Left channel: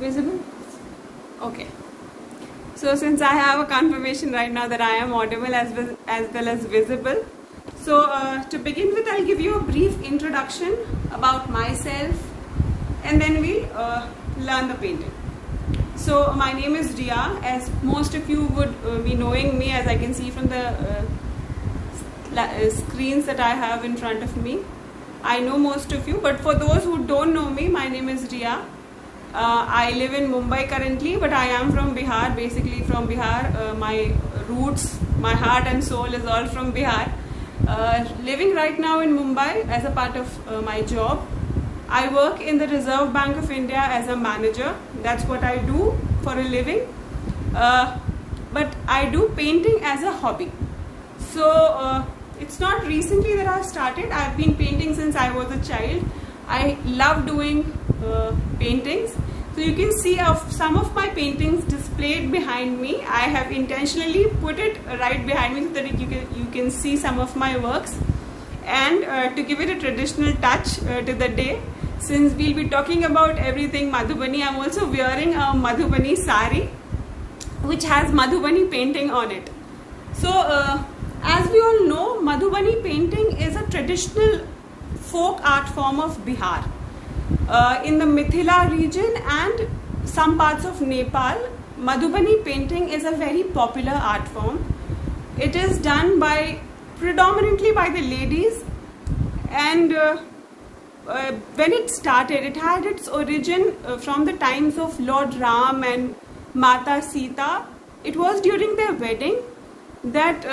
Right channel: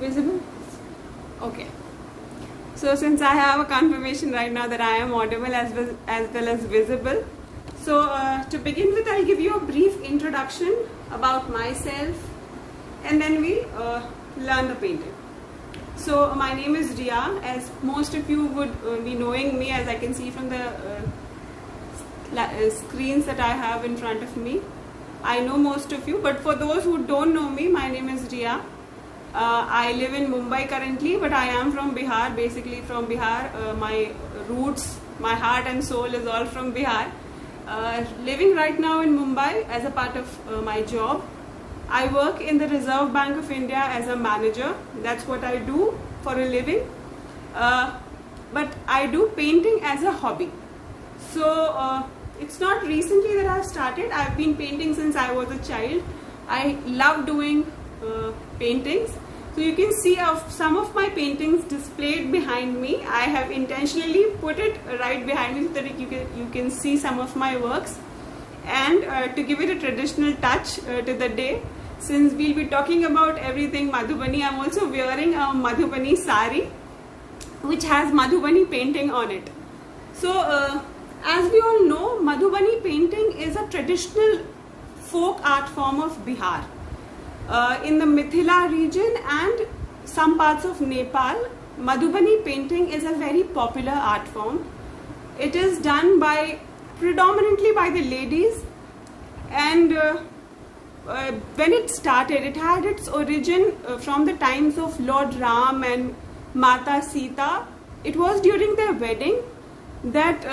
Visible? Okay. So since I have a confirmation right now that I am audible as well as visible, so to begin with, I'll give you a brief introduction about myself, and then we'll learn the painting. So my name is Ria, as most of you would be knowing me, as I can see from the screens that I have in front of me. I know most of you, but for those who don't know me, my name is Ria. I live in Mumbai currently, but I am from Bihar, basically from Bihar. My roots, my heart and soul is all from Bihar. Living right now in Mumbai as a part of my job. I work in the Reserve Bank of India as a manager. That's what I do for a living. But I do painting as a hobby. So it's not recently that I've started. I've been painting since I was a child. I love doing paintings. So you can see some of my paintings displayed behind me. I have intentionally put it right behind me so that you can see some of my works. And to give it a traditional touch to the day, since we'll be talking about everything Madhubani, I'm also wearing a Madhubani sari which has Madhubani painting on it. So as we all know, Madhubani painting is a traditional folk art form of Bihar. In the Mithila region and some parts of Nepal, Madhubani painting is a very popular art form. It is done predominantly by the ladies, and when it started, it had its origin from the times of Lord Ram and Mata Sita. It was during their wedding that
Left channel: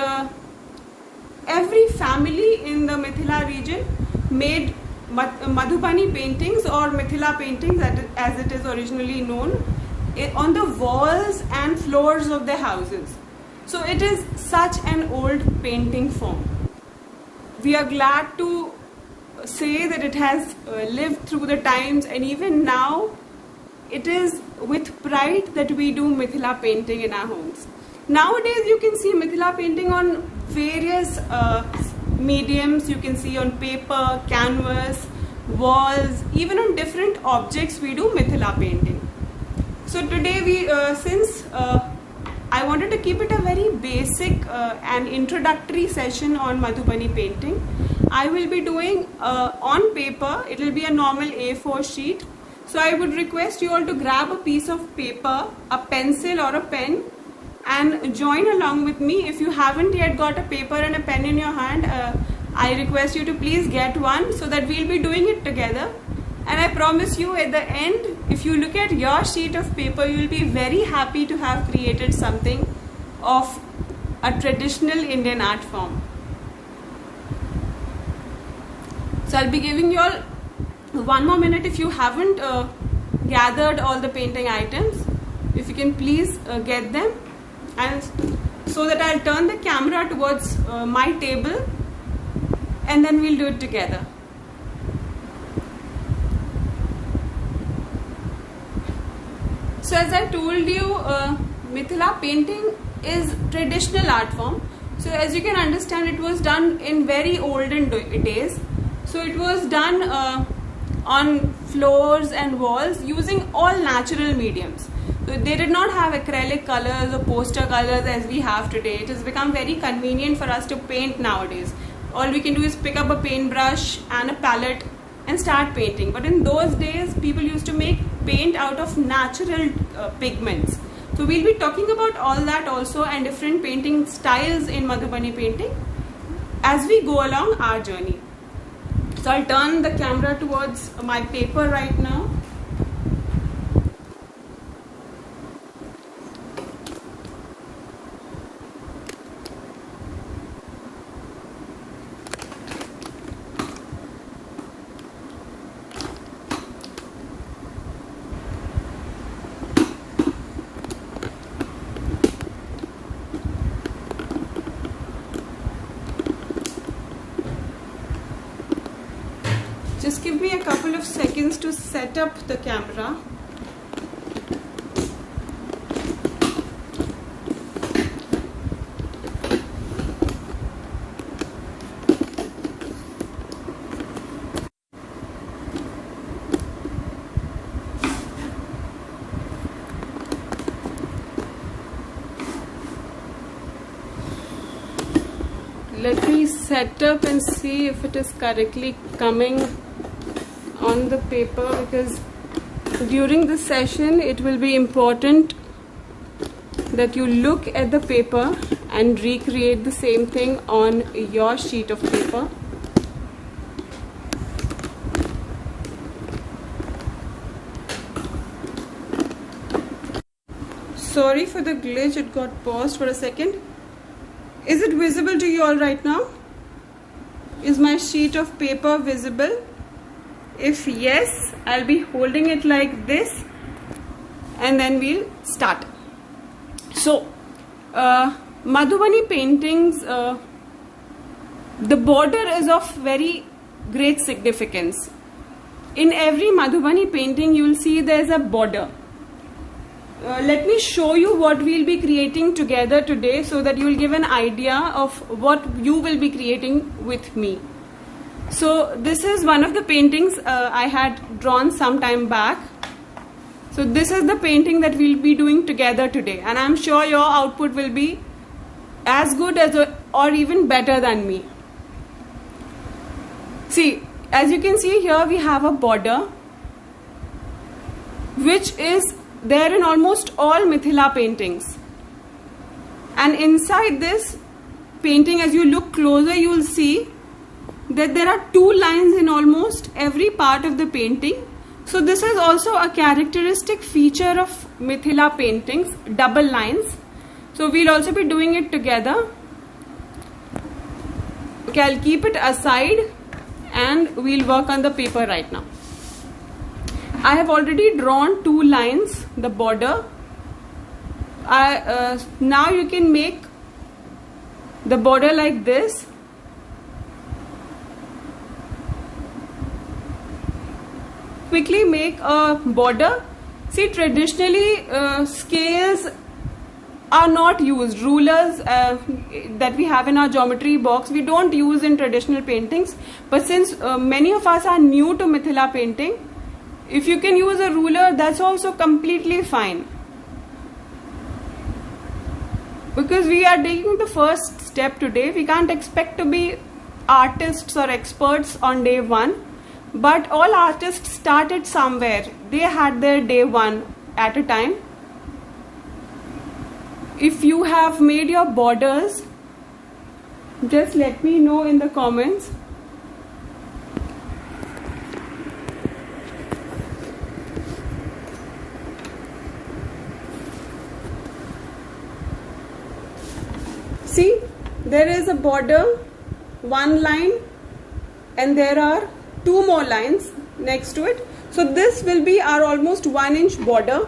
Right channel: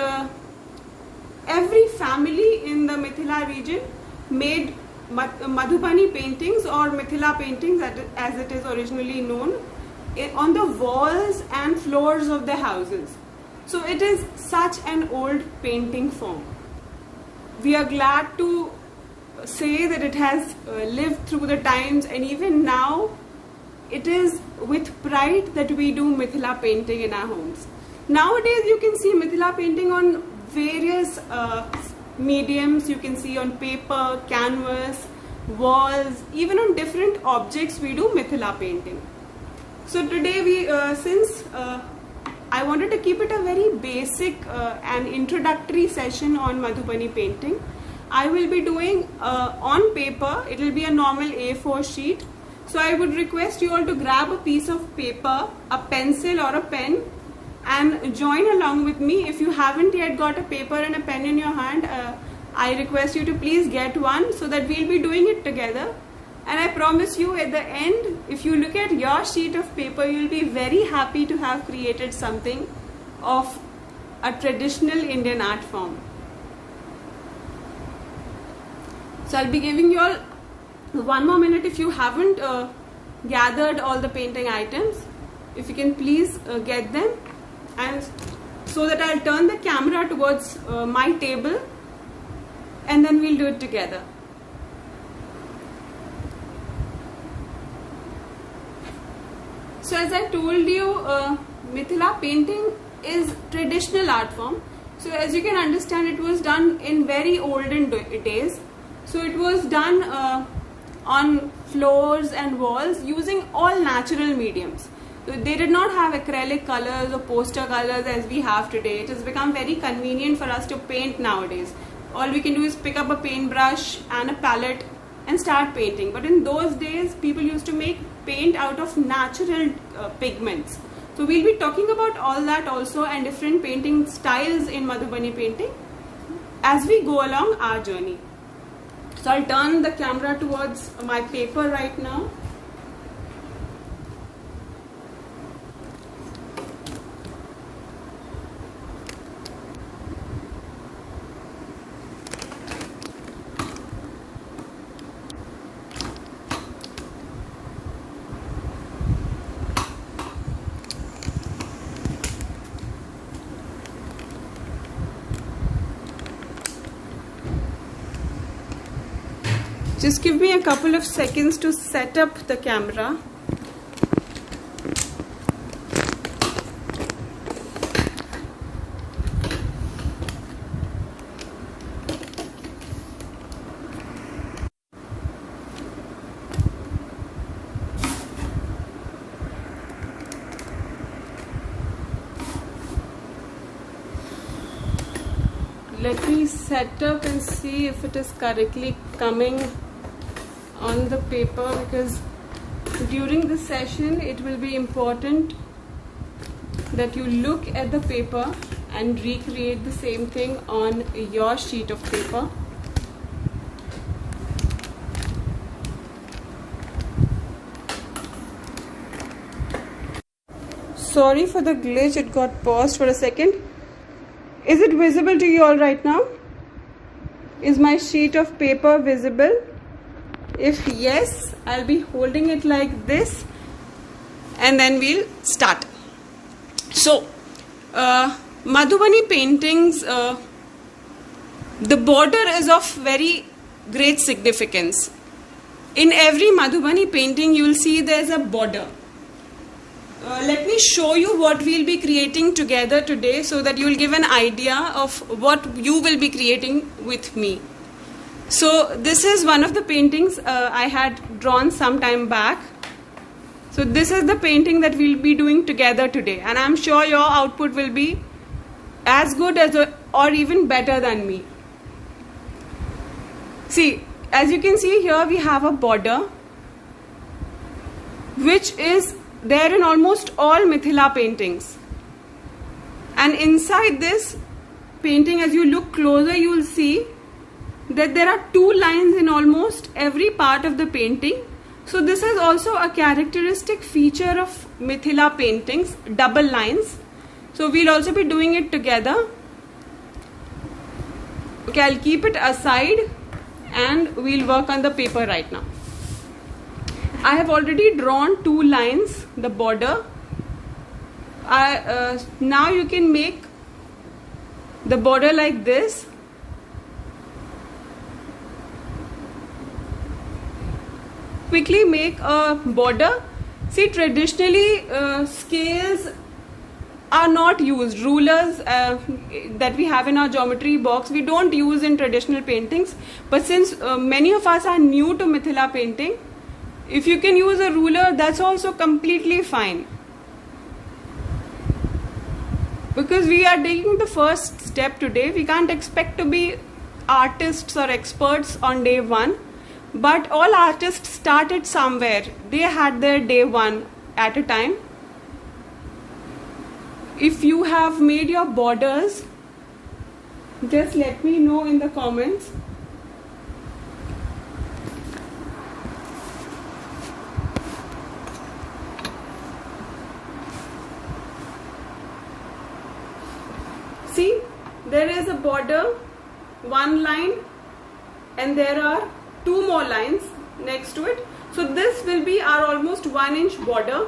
every family in the Mithila region made Madhubani paintings, or Mithila paintings as it is originally known, on the walls and floors of their houses. So it is such an old painting form. We are glad to say that it has lived through the times, and even now it is with pride that we do Mithila painting in our homes. Nowadays you can see Mithila painting on various mediums. You can see on paper, canvas, walls, even on different objects we do Mithila painting. So today since I wanted to keep it a very basic and introductory session on Madhubani painting, I will be doing on paper. It will be a normal A4 sheet. So I would request you all to grab a piece of paper, a pencil or a pen, and join along with me. If you haven't yet got a paper and a pen in your hand, I request you to please get one, so that we'll be doing it together. And I promise you, at the end, if you look at your sheet of paper, you'll be very happy to have created something of a traditional Indian art form. So I'll be giving you all one more minute. If you haven't gathered all the painting items, if you can please get them, and so that I'll turn the camera towards my table, and then we'll do it together. So as I told you, Mithila painting is traditional art form. So as you can understand, it was done in very olden days. So it was done on floors and walls using all natural mediums. So they did not have acrylic colors or poster colors as we have today. It has become very convenient for us to paint nowadays. All we can do is pick up a paintbrush and a palette and start painting. But in those days, people used to make paint out of natural pigments. So we'll be talking about all that also, and different painting styles in Madhubani painting as we go along our journey. So I'll turn the camera towards my paper right now. Just give me a couple of seconds to set up the camera. let me set up and see if it is correctly coming on the paper, because during this session it will be important that you look at the paper and recreate the same thing on your sheet of paper. Sorry for the glitch, it got paused for a second. Is it visible to you all right now? Is my sheet of paper visible? If yes, I'll be holding it like this and then we'll start. So, Madhubani paintings, the border is of very great significance. In every Madhubani painting, you will see there's a border. Let me show you what we'll be creating together today so that you will give an idea of what you will be creating with me. So this is one of the paintings I had drawn some time back. So this is the painting that we'll be doing together today, and I'm sure your output will be as good as or even better than me. See, as you can see here, we have a border which is there in almost all Mithila paintings, and inside this painting, as you look closer, you will see that there are two lines in almost every part of the painting. So this is also a characteristic feature of Mithila paintings, double lines. So we'll also be doing it together. Okay, I'll keep it aside and we'll work on the paper right now. I have already drawn two lines, the border. Now you can make the border like this. Quickly make a border. See, traditionally scales are not used. Rulers that we have in our geometry box, we don't use in traditional paintings. But since many of us are new to Mithila painting, if you can use a ruler, that's also completely fine. Because we are taking the first step today, we can't expect to be artists or experts on day one. But all artists started somewhere. They had their day one at a time. If you have made your borders, just let me know in the comments. See, there is a border, one line, and there are two more lines next to it. So this will be our almost 1 inch border.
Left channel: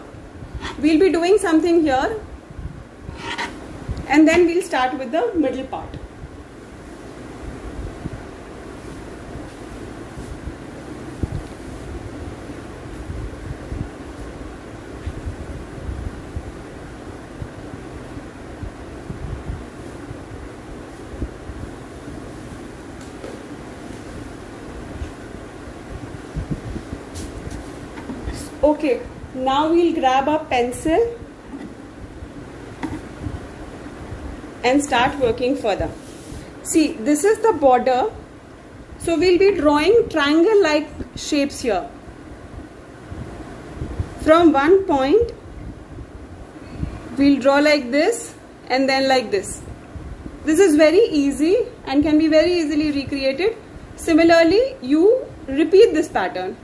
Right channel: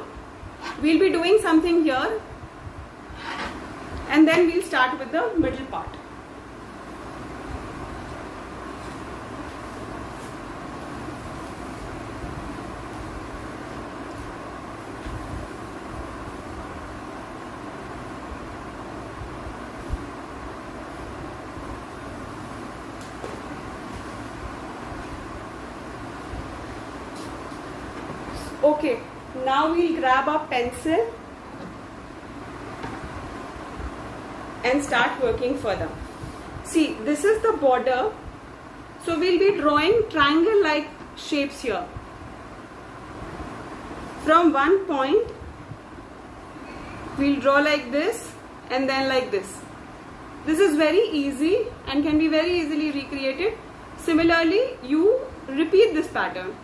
We'll be doing something here and then we'll start with the middle part. Okay, now we'll grab our pencil and start working further. See, this is the border. So we'll be drawing triangle-like shapes here. From one point, we'll draw like this and then like this. This is very easy and can be very easily recreated. Similarly, you repeat this pattern.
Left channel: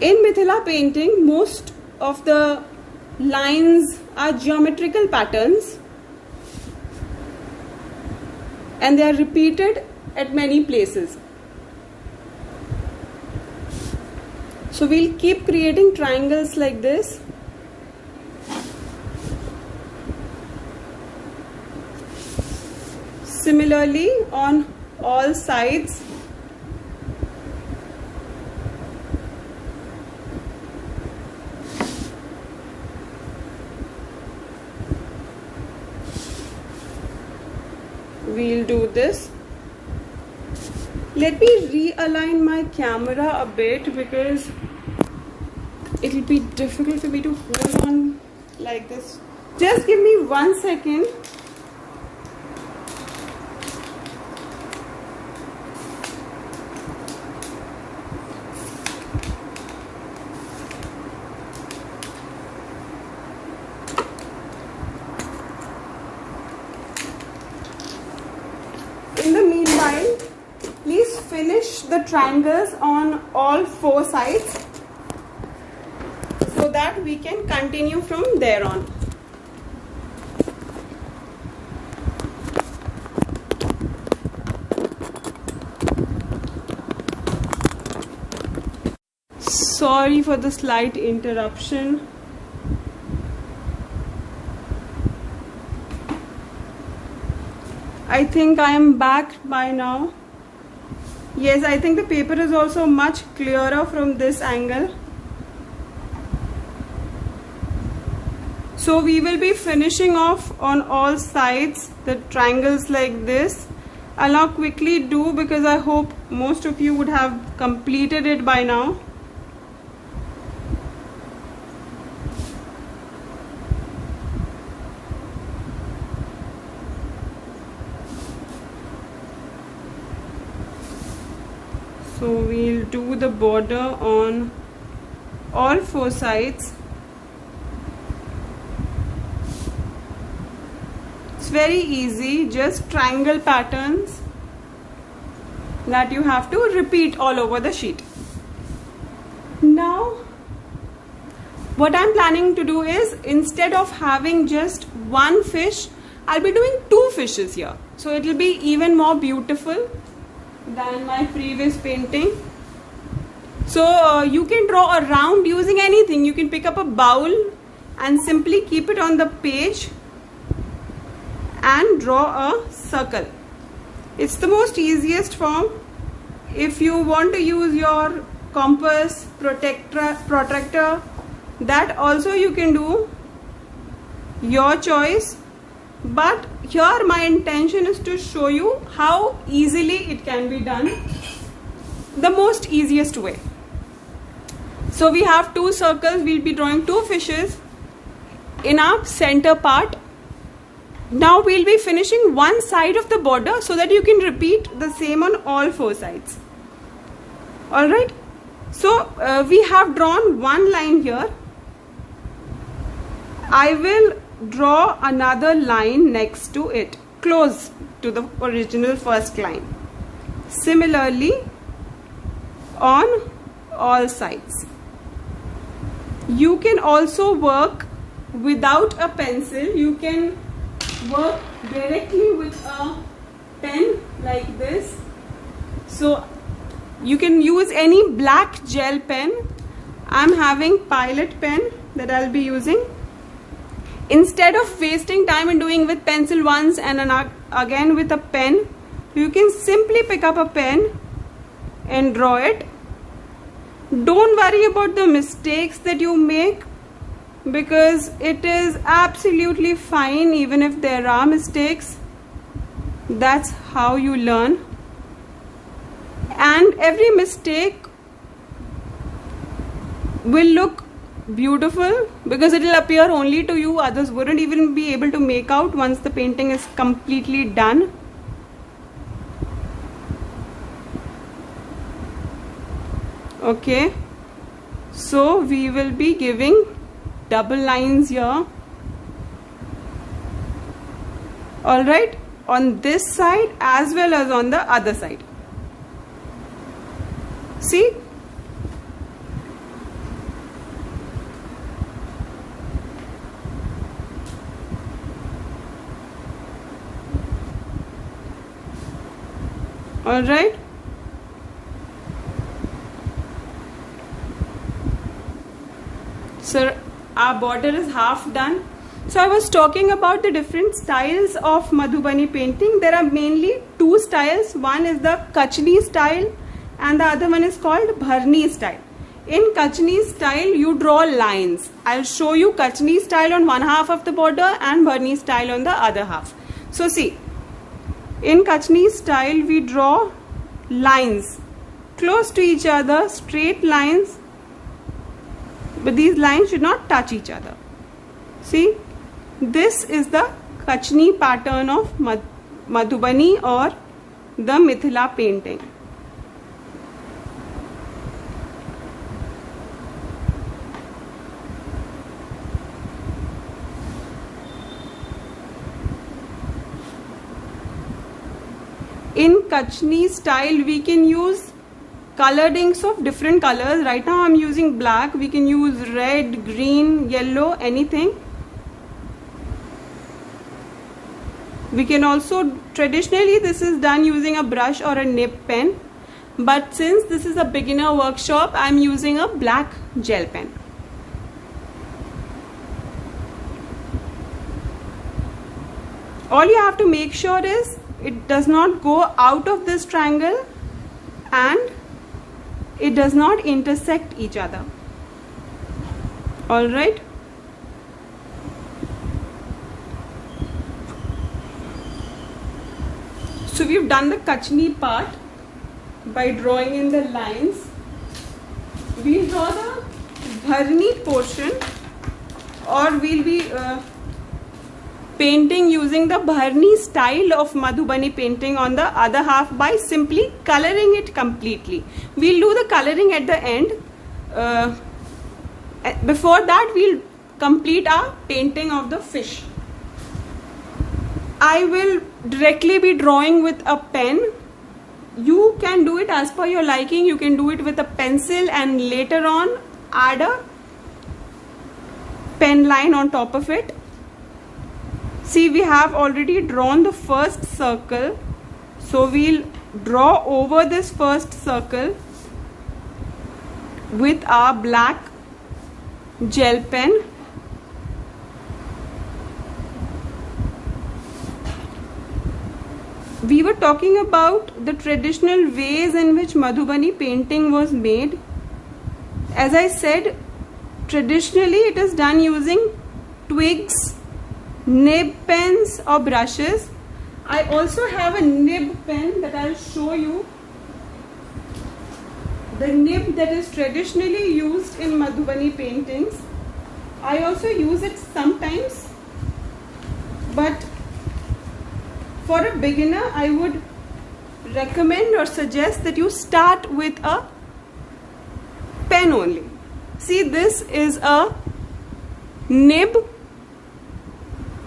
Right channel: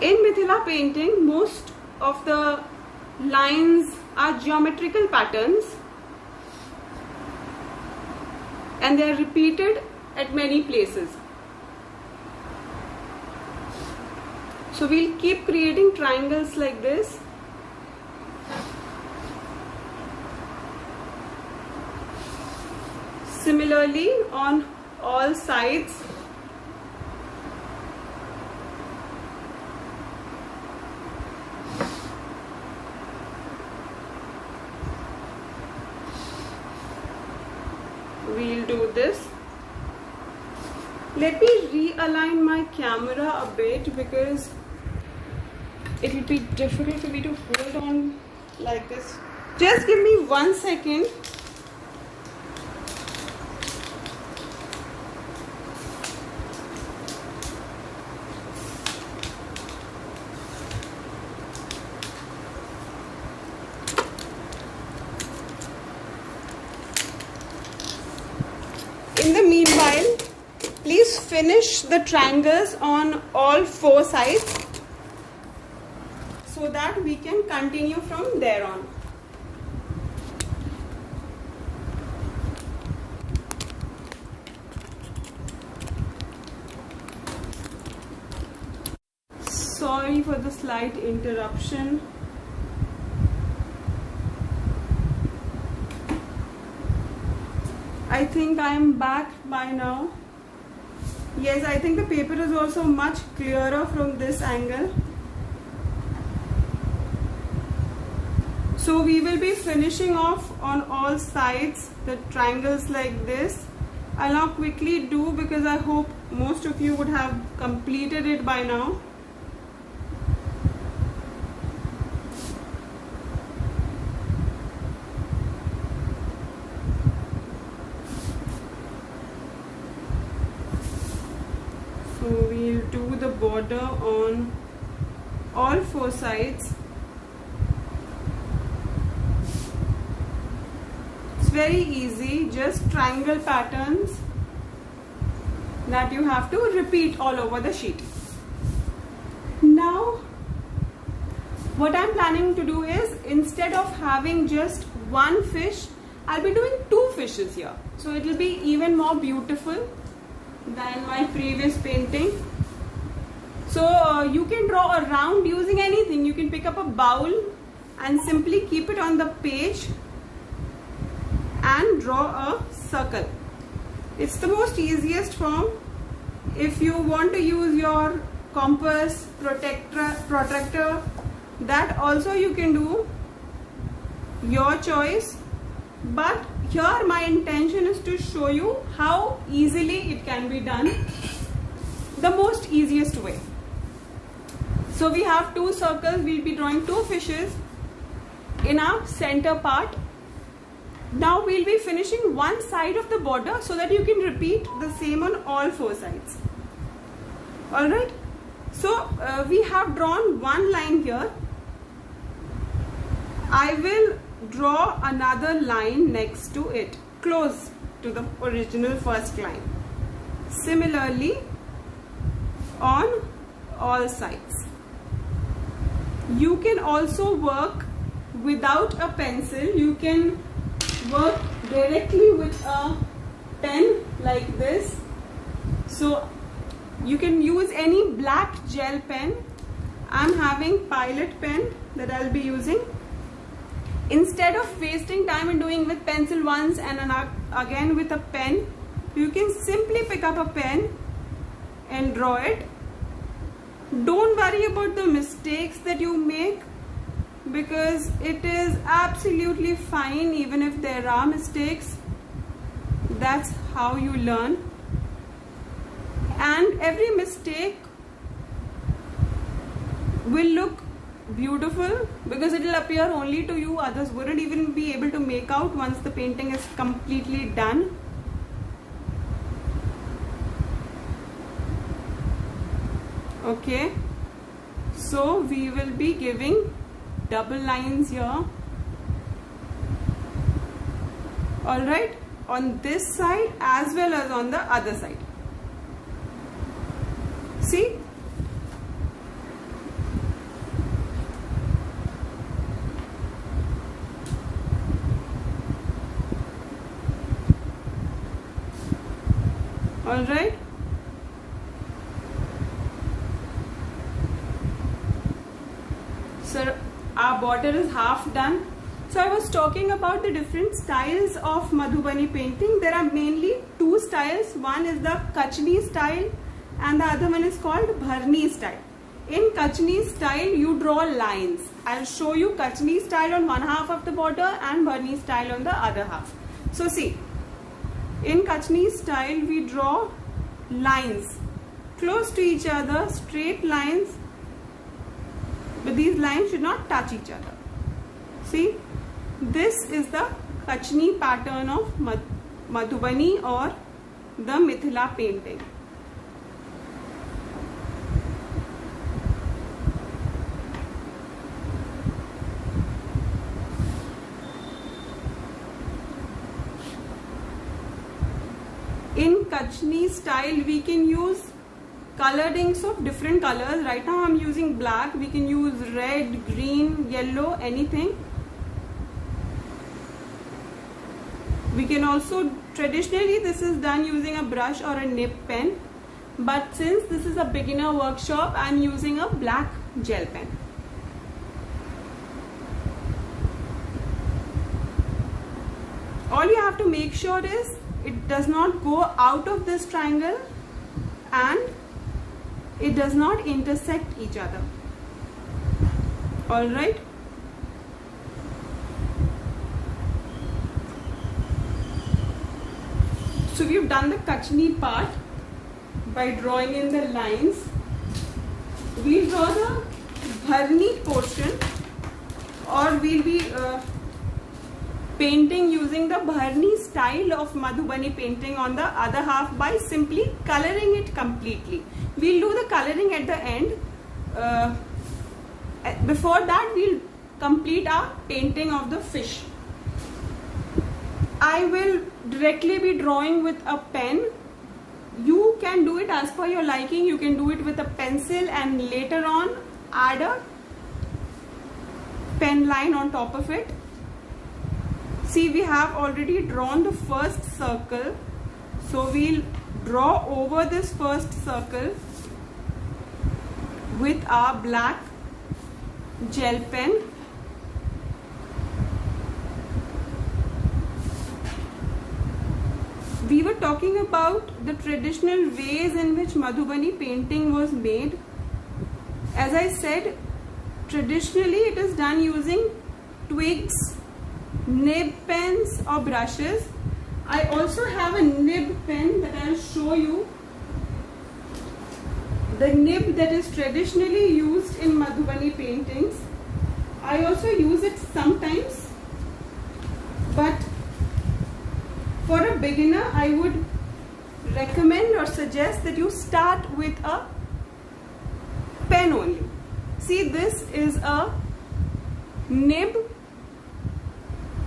In Mithila painting, most of the lines are geometrical patterns and they are repeated at many places. So we'll keep creating triangles like this. Similarly, on all sides. We'll do this. Let me realign my camera a bit because it will be difficult for me to hold on like this. Just give me 1 second. finish the triangles on all 4 sides so that we can continue from there on. Sorry for the slight interruption. I think I am back by now. Yes, I think the paper is also much clearer from this angle. So we will be finishing off on all sides the triangles like this. I'll now quickly do, because I hope most of you would have completed it by now. So we'll do the border on all 4 sides. It's very easy, just triangle patterns that you have to repeat all over the sheet. Now, what I'm planning to do is, instead of having just one fish, I'll be doing 2 fishes here. So it will be even more beautiful than my previous painting. So you can draw a round using anything. You can pick up a bowl and simply keep it on the page and draw a circle. It's the most easiest form. If you want to use your compass, protractor, that also you can do, your choice. But here my intention is to show you how easily it can be done, the most easiest way. So we have 2 circles, we'll be drawing 2 fishes in our center part. Now we'll be finishing one side of the border so that you can repeat the same on all 4 sides. Alright, so we have drawn one line here. I will draw another line next to it, close to the original first line. Similarly on all sides. You can also work without a pencil. You can work directly with a pen like this. So you can use any black gel pen. I'm having Pilot pen that I'll be using. Instead of wasting time in doing with pencil once and again with a pen, you can simply pick up a pen and draw it. Don't worry about the mistakes that you make, because it is absolutely fine even if there are mistakes. That's how you learn. And every mistake will look beautiful because it will appear only to you. Others wouldn't even be able to make out once the painting is completely done. Okay, so we will be giving double lines here. Alright, on this side as well as on the other side. See? Alright. So our border is half done. So I was talking about the different styles of Madhubani painting. There are mainly 2 styles. One is the Kachni style and the other one is called Bharni style. In Kachni style, you draw lines. I'll show you Kachni style on one half of the border and Bharni style on the other half. So see, in Kachni style, we draw lines close to each other, straight lines, but these lines should not touch each other. See, this is the Kachni pattern of Madhubani or the Mithila painting. In Kachni style, we can use colorings of different colors. Right now I'm using black. We can use red, green, yellow, anything. We can also, traditionally this is done using a brush or a nib pen, but since this is a beginner workshop, I'm using a black gel pen. All you have to make sure is it does not go out of this triangle and it does not intersect each other. All right. So we've done the Kachni part by drawing in the lines. We'll draw the Bharni portion, or we'll be painting using the Bharni style of Madhubani painting on the other half by simply coloring it completely. We'll do the coloring at the end. Before that, we'll complete our painting of the fish. I will directly be drawing with a pen. You can do it as per your liking. You can do it with a pencil and later on add a pen line on top of it. See, we have already drawn the first circle. So we'll draw over this first circle with our black gel pen. We were talking about the traditional ways in which Madhubani painting was made. As I said, traditionally it is done using twigs, nib pens or brushes. I also have a nib pen that I'll show you. The nib that is traditionally used in Madhubani paintings. I also use it sometimes, but for a beginner, I would recommend or suggest that you start with a pen only. See, this is a nib.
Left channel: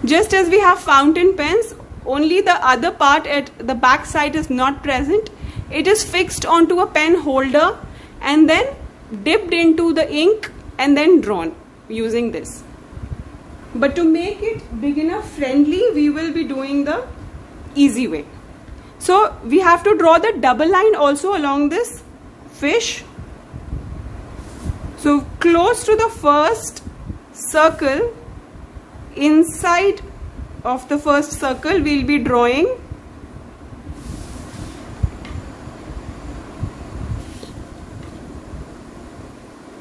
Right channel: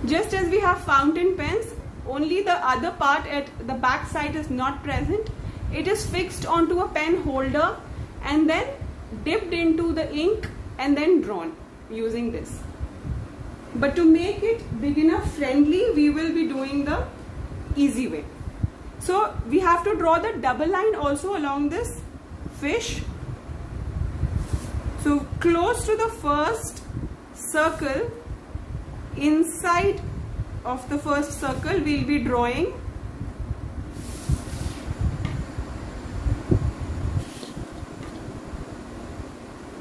Just as we have fountain pens, only the other part at the back side is not present. It is fixed onto a pen holder and then dipped into the ink and then drawn using this. But to make it beginner friendly, we will be doing the easy way. So we have to draw the double line also along this fish. So close to the first circle, inside of the first circle, we'll be drawing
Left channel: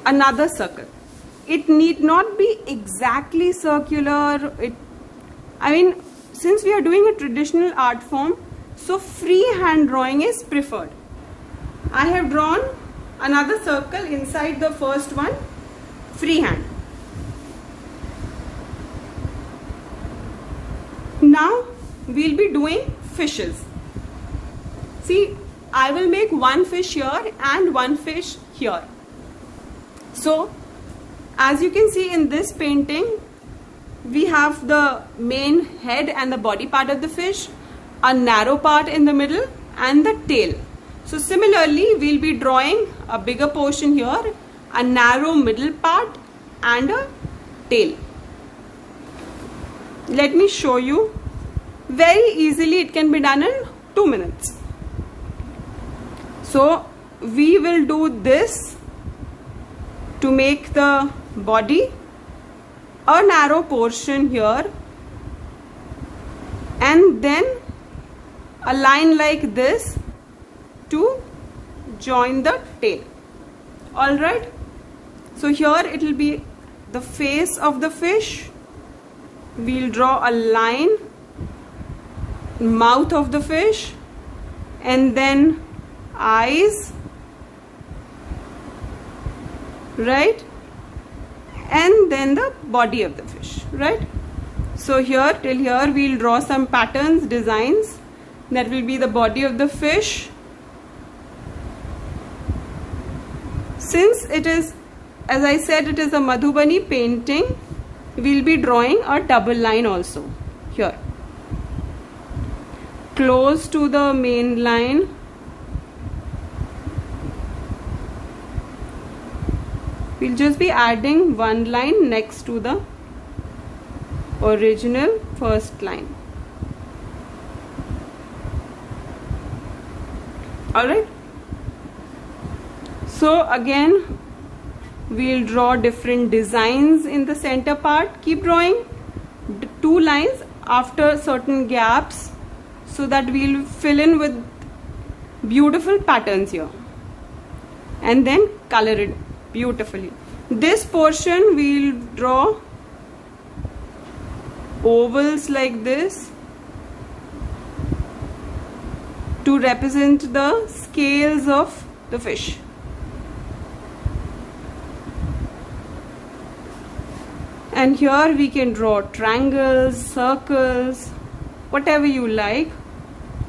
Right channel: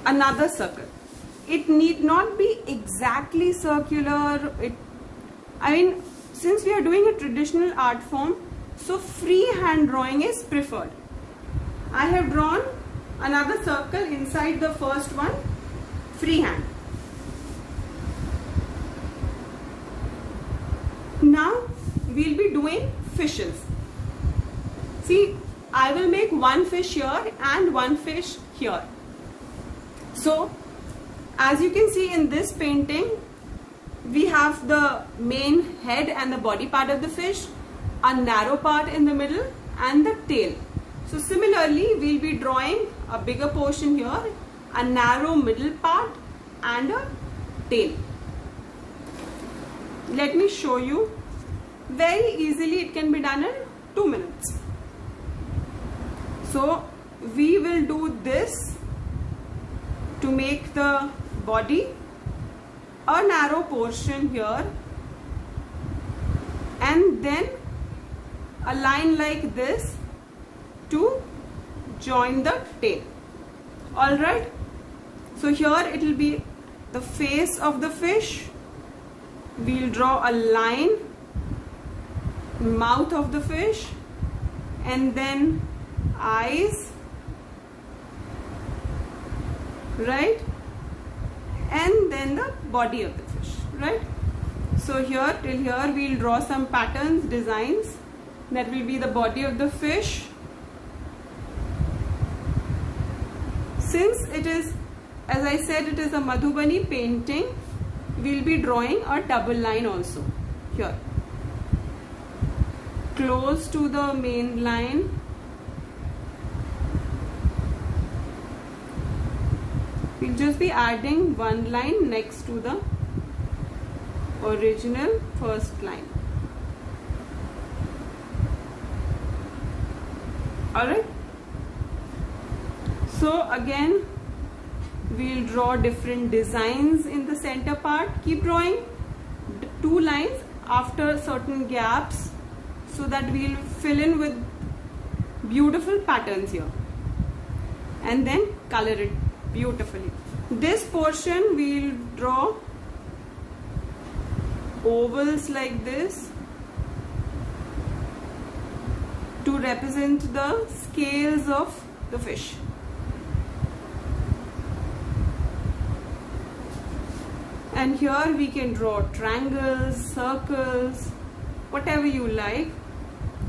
another circle. It need not be exactly circular. Since we are doing a traditional art form, so freehand drawing is preferred. I have drawn another circle inside the first one, freehand. Now we'll be doing fishes. See, I will make one fish here and one fish here. So, as you can see in this painting, we have the main head and the body part of the fish, a narrow part in the middle and the tail. So similarly, we'll be drawing a bigger portion here, a narrow middle part and a tail. Let me show you. Very easily it can be done in 2 minutes. So we will do this to make the body, a narrow portion here and then a line like this to join the tail. Alright, so here it will be the face of the fish. We'll draw a line, mouth of the fish and then eyes, right, and then the body of the fish, right. So here till here we'll draw some patterns, designs. That will be the body of the fish. Since it is, as I said, it is a Madhubani painting, we'll be drawing a double line also here. close to the main line. We'll just be adding one line next to the original first line. Alright, so again we'll draw different designs in the center part. Keep drawing two lines after certain gaps so that we'll fill in with beautiful patterns here, and then color it beautifully. This portion we'll draw ovals like this to represent the scales of the fish. And here we can draw triangles, circles, whatever you like.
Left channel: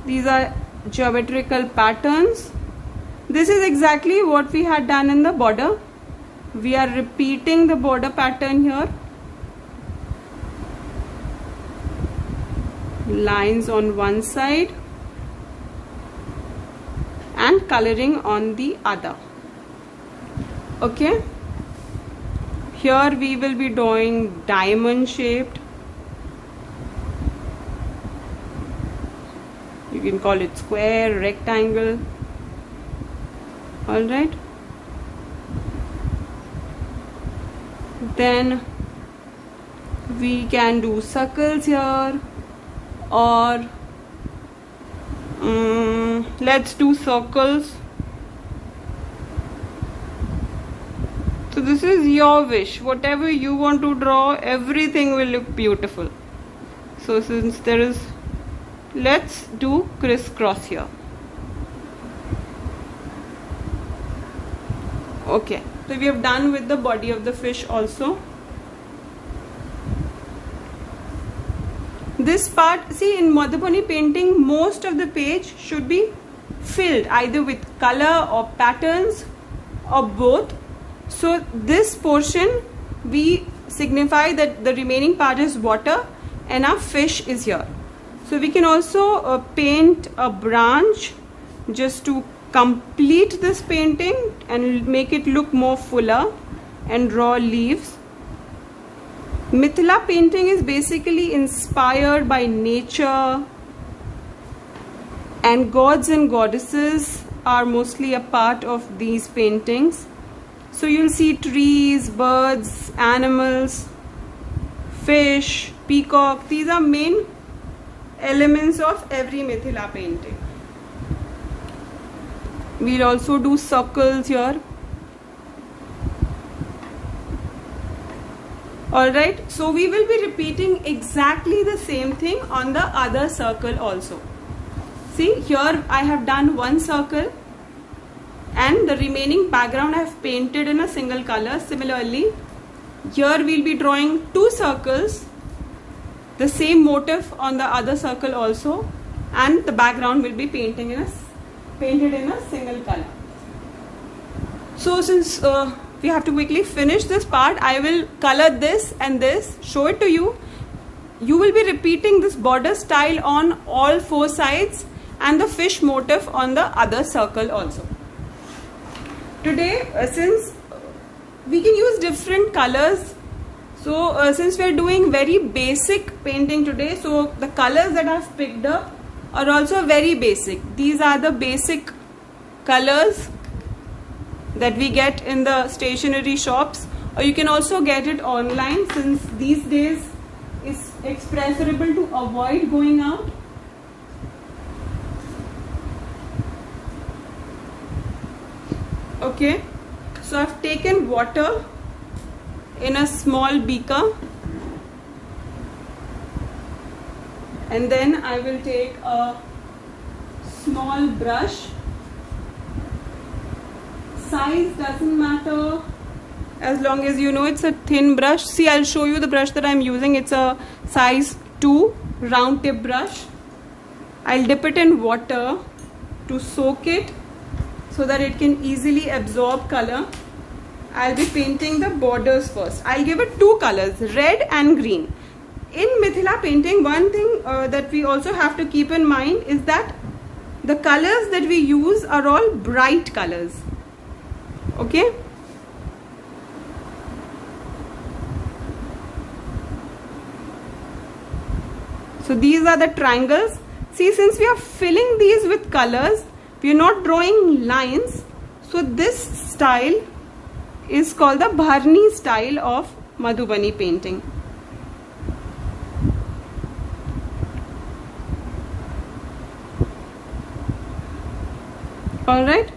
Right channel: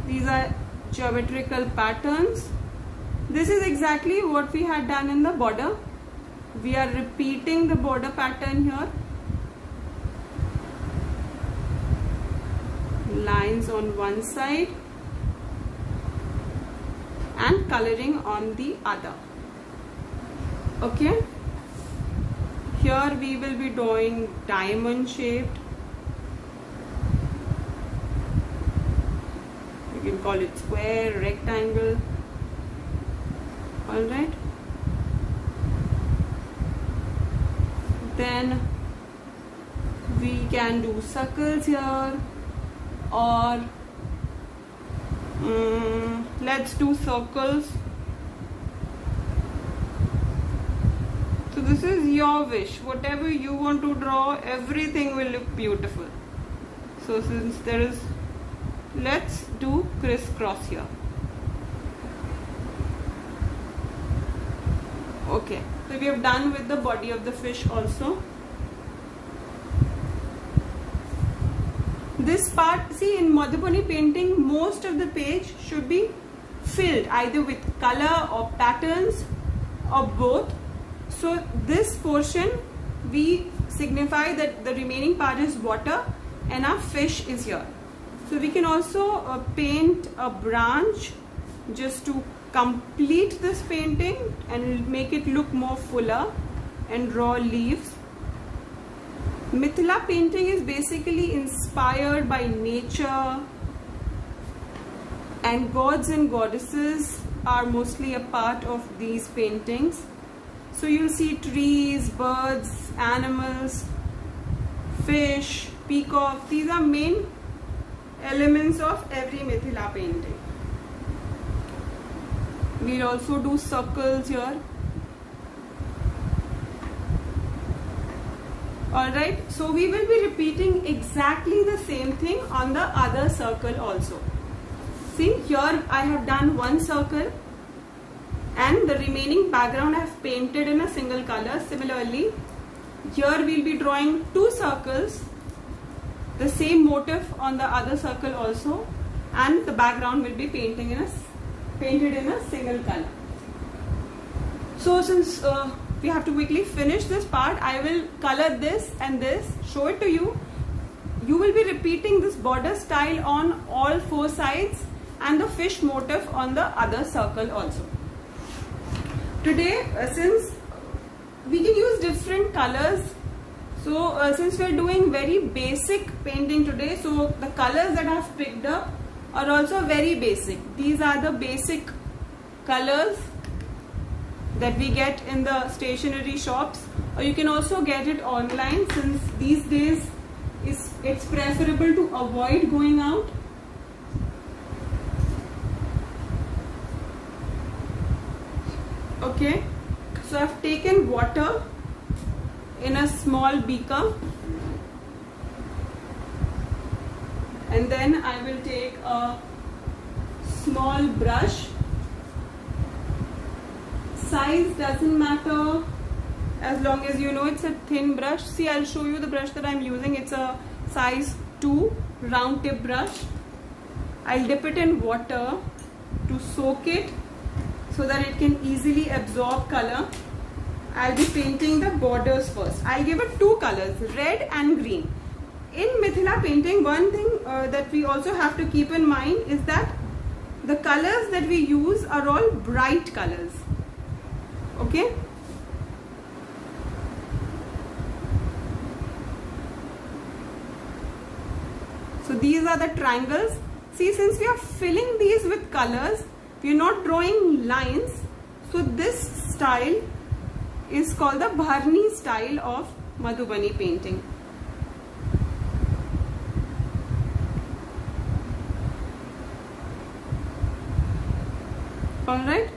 These are geometrical patterns. This is exactly what we had done in the border. We are repeating the border pattern here. Lines on one side and coloring on the other. Okay, here we will be drawing diamond shaped, you can call it square, rectangle. All right, then we can do circles here, or let's do circles. So this is your wish, whatever you want to draw, everything will look beautiful. So since there is, let's do crisscross here. Okay, so we have done with the body of the fish also. This part, see, in Madhubani painting, most of the page should be filled either with color or patterns or both. So this portion we signify that the remaining part is water and our fish is here. So we can also paint a branch just to complete this painting and make it look more fuller, and draw leaves. Mithila painting is basically inspired by nature, and gods and goddesses are mostly a part of these paintings. So you'll see trees, birds, animals, fish, peacock. These are main elements of every Mithila painting. We'll also do circles here. Alright, so we will be repeating exactly the same thing on the other circle also. See, here I have done one circle and the remaining background I have painted in a single color. Similarly, here we'll be drawing two circles, the same motif on the other circle also, and the background will be painted in a single color. So since we have to quickly finish this part, I will color this and this, show it to you. You will be repeating this border style on all four sides and the fish motif on the other circle also. Today, since we can use different colors, so since we are doing very basic painting today, so the colors that I have picked up are also very basic. These are the basic colors that we get in the stationery shops, or you can also get it online, since these days it's preferable to avoid going out. Okay, so I've taken water in a small beaker, and then I will take a small brush. Size doesn't matter as long as you know it's a thin brush. See, I'll show you the brush that I'm using. It's a size 2 round tip brush. I'll dip it in water to soak it so that it can easily absorb color. I'll be painting the borders first. I'll give it two colors, red and green. in Mithila painting, one thing that we also have to keep in mind is that the colors that we use are all bright colors. Okay. So these are the triangles. See, since we are filling these with colors, we are not drawing lines. So this style is called the Bharni style of Madhubani painting. Alright,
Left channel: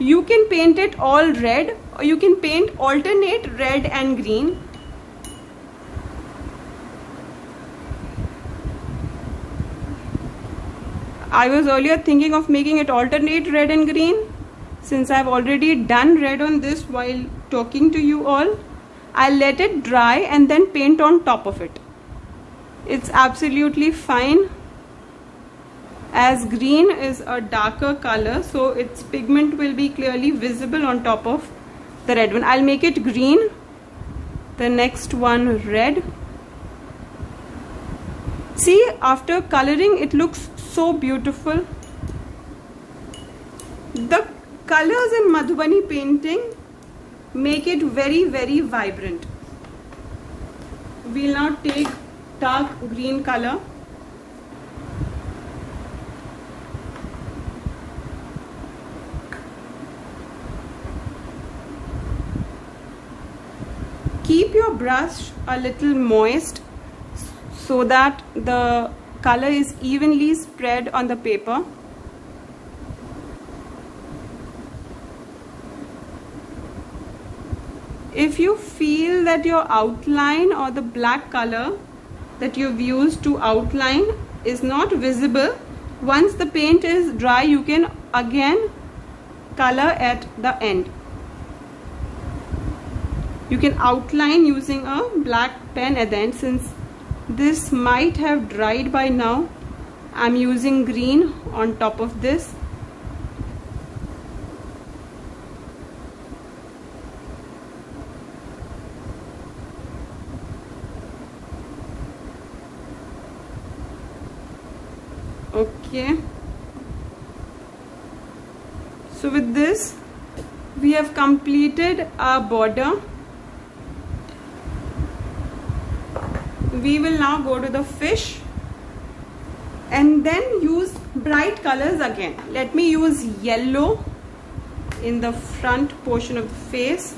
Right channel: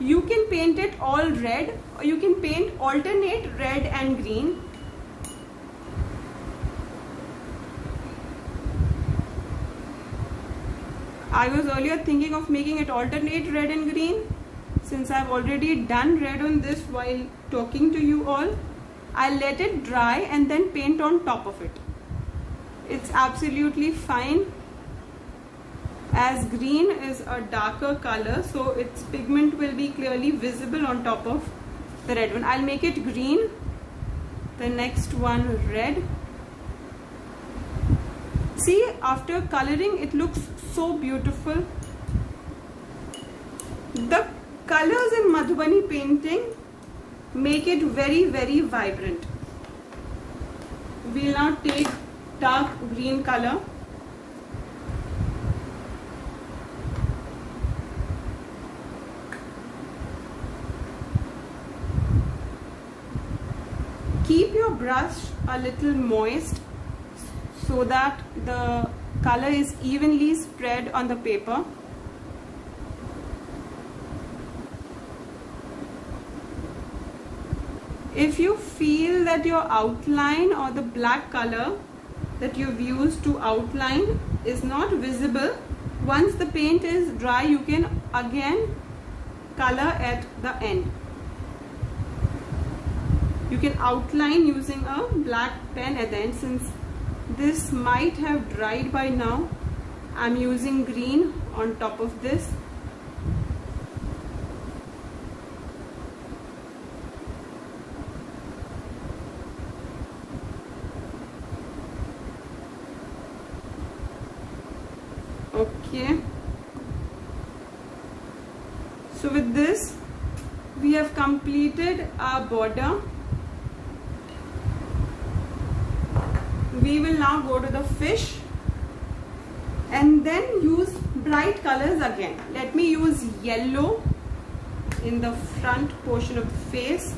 you can paint it all red, or you can paint alternate red and green. I was earlier thinking of making it alternate red and green. Since I've already done red on this while talking to you all, I'll let it dry and then paint on top of it. It's absolutely fine, as green is a darker color, so its pigment will be clearly visible on top of the red one. I'll make it green, the next one red. See, after coloring it looks so beautiful. The colors in Madhubani painting make it very, very vibrant. We'll now take dark green color. Keep your brush a little moist so that the color is evenly spread on the paper. If you feel that your outline or the black color that you've used to outline is not visible, once the paint is dry, you can again color at the end. You can outline using a black pen at the end. Since this might have dried by now, I'm using green on top of this. Okay. So with this, we have completed our border. We will now go to the fish and then use bright colors again. Let me use yellow in the front portion of the face.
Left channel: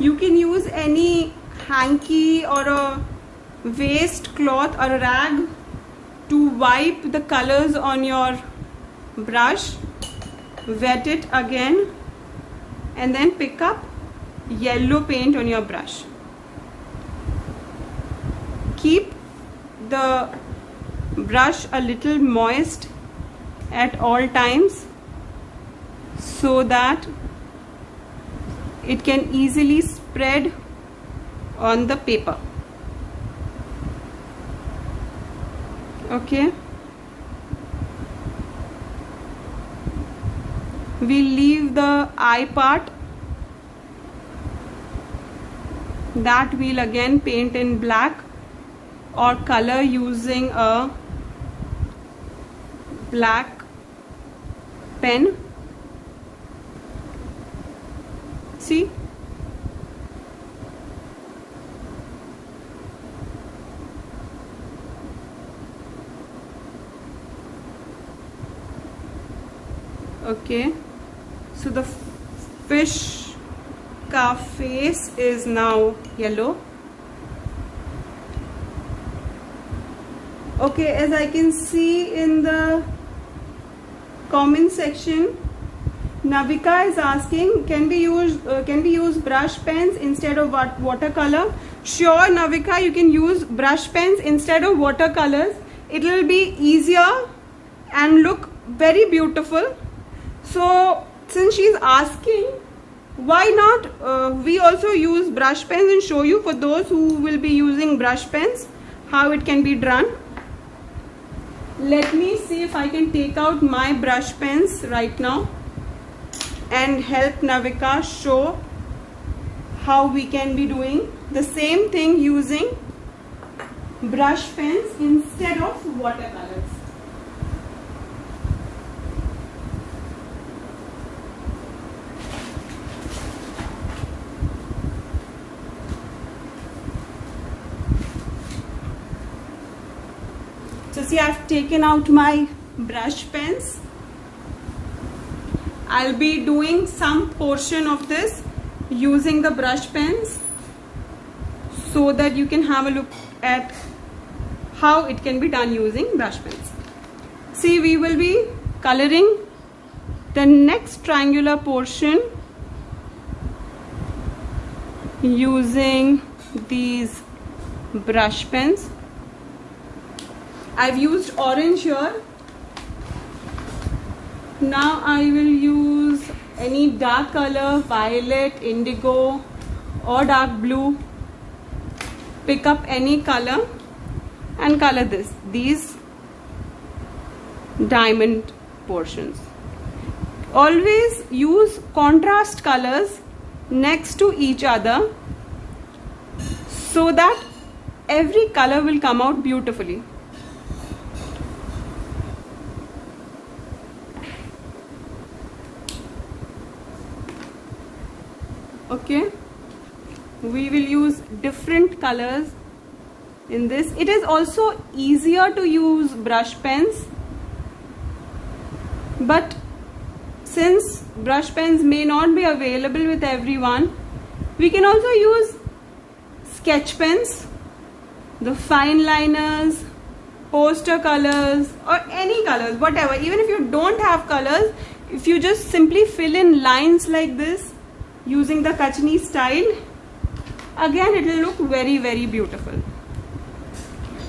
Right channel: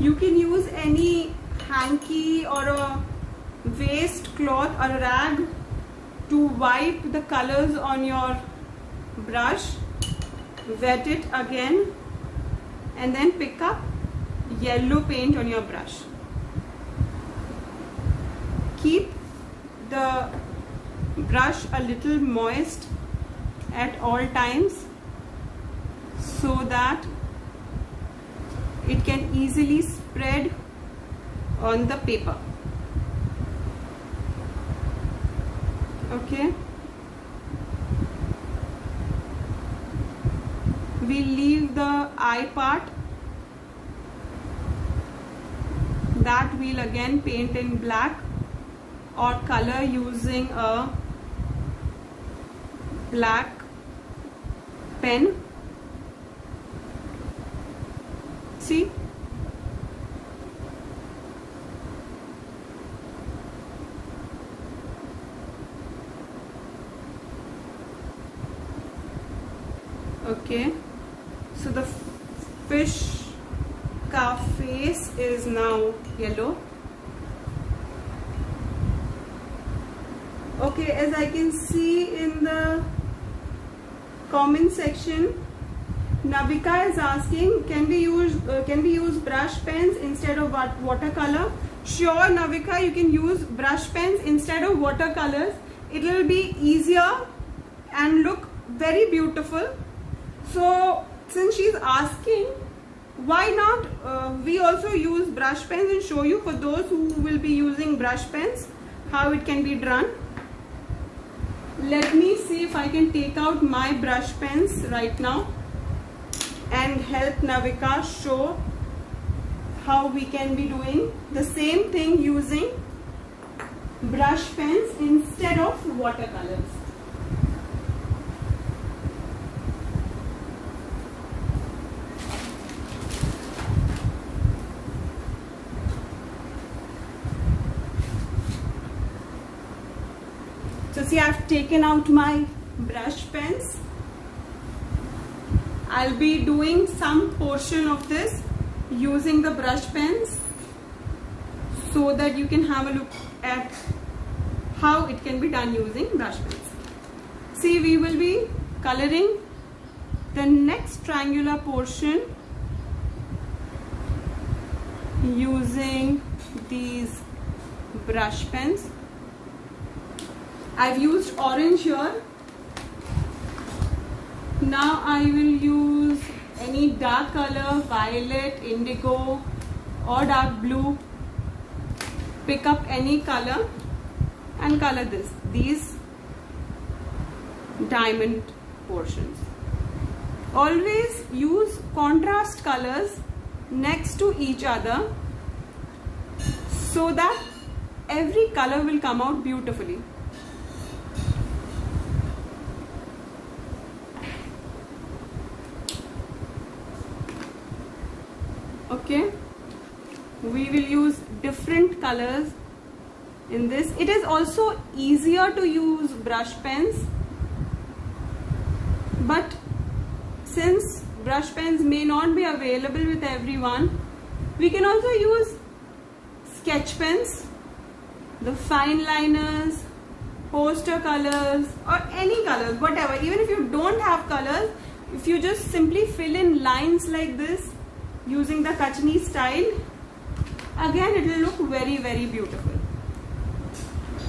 You can use any hanky or a waste cloth or a rag to wipe the colors on your brush, wet it again, and then pick up yellow paint on your brush. Keep the brush a little moist at all times so that it can easily spread on the paper. Okay. We leave the eye part. That we'll again paint in black or color using a black pen. See? Okay, so the fish ka face is now yellow. Okay, as I can see in the comment section, Navika is asking, can we use brush pens instead of watercolor? Sure, Navika, you can use brush pens instead of watercolors. It will be easier and look very beautiful. So since she's asking, why not we also use brush pens and show you, for those who will be using brush pens, how it can be done. Let me see if I can take out my brush pens right now and help Navika show how we can be doing the same thing using brush pens instead of watercolors. So see, I've taken out my brush pens. I'll be doing some portion of this using the brush pens so that you can have a look at how it can be done using brush pens. See, we will be coloring the next triangular portion using these brush pens. I've used orange here. Now I will use any dark color, violet, indigo or dark blue. Pick up any color and color these diamond portions. Always use contrast colors next to each other so that every color will come out beautifully. Okay, we will use different colors in this. It is also easier to use brush pens, but since brush pens may not be available with everyone, we can also use sketch pens, the fine liners, poster colors or any colors, whatever. Even if you don't have colors, if you just simply fill in lines like this using the Kachni style, again it will look very, very beautiful.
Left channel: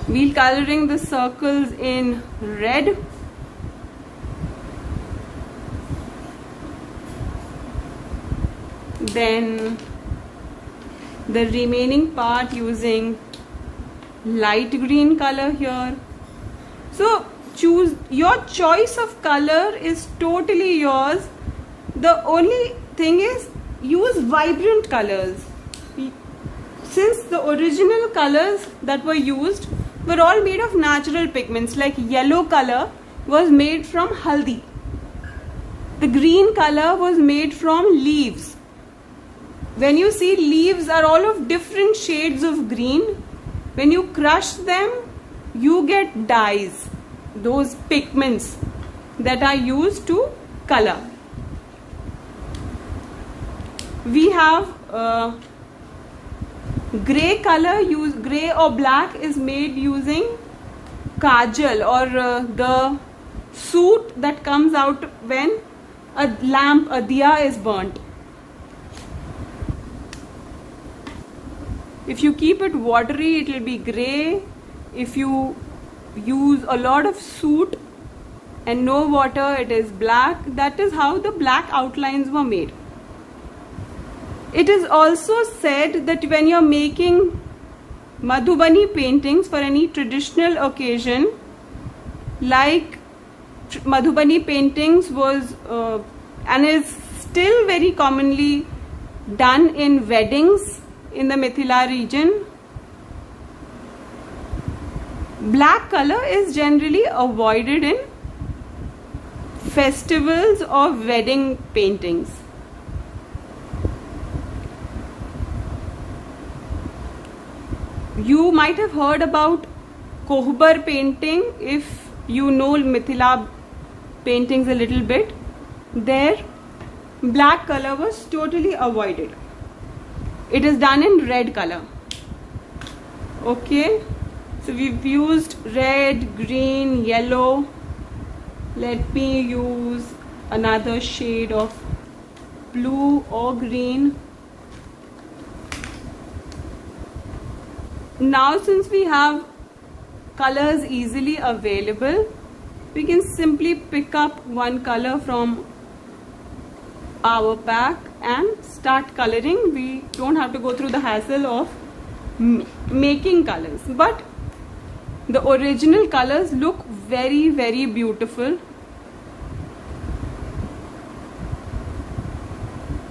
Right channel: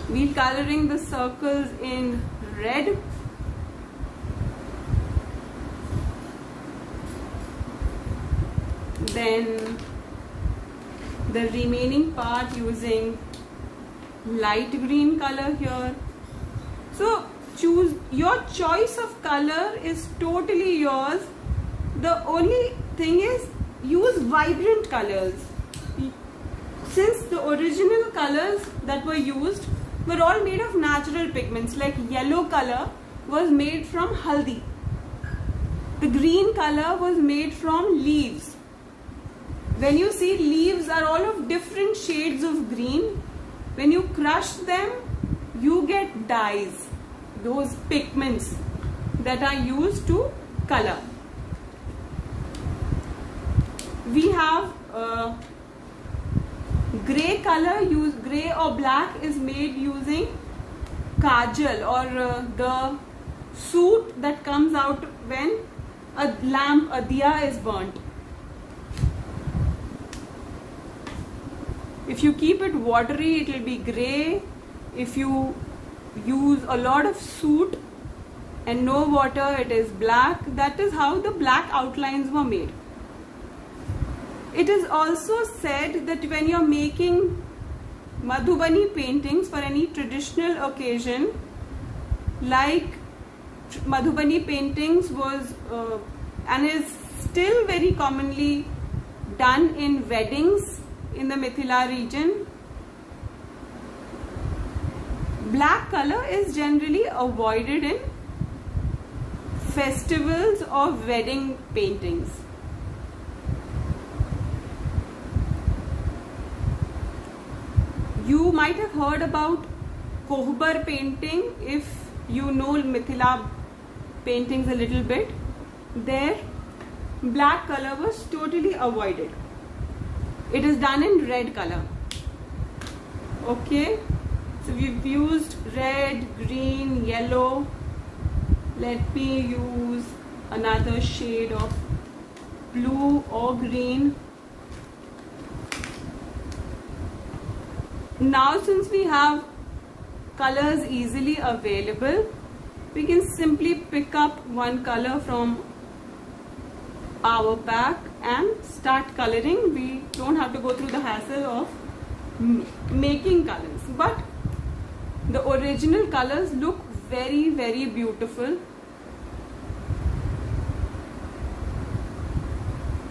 We'll coloring the circles in red. Then the remaining part using light green color here. So choose your choice of color is totally yours. The only thing is use vibrant colors. Since the original colors that were used were all made of natural pigments, like yellow color was made from haldi. The green color was made from leaves. When you see, leaves are all of different shades of green. When you crush them, you get dyes, those pigments that are used to color. We have gray color, gray or black is made using kajal or the soot that comes out when a lamp, a diya is burnt. If you keep it watery, it will be gray. If you use a lot of soot and no water, it is black. That is how the black outlines were made. It is also said that when you're making Madhubani paintings for any traditional occasion, like Madhubani paintings was and is still very commonly done in weddings in the Mithila region, black color is generally avoided in festivals or wedding paintings. You might have heard about Kohbar painting if you know Mithila paintings a little bit. There, black color was totally avoided. It is done in red color. Okay, so we've used red, green, yellow. Let me use another shade of blue or green. Now since we have colors easily available, we can simply pick up one color from our pack and start coloring. We don't have to go through the hassle of making colors, but the original colors look very, very beautiful.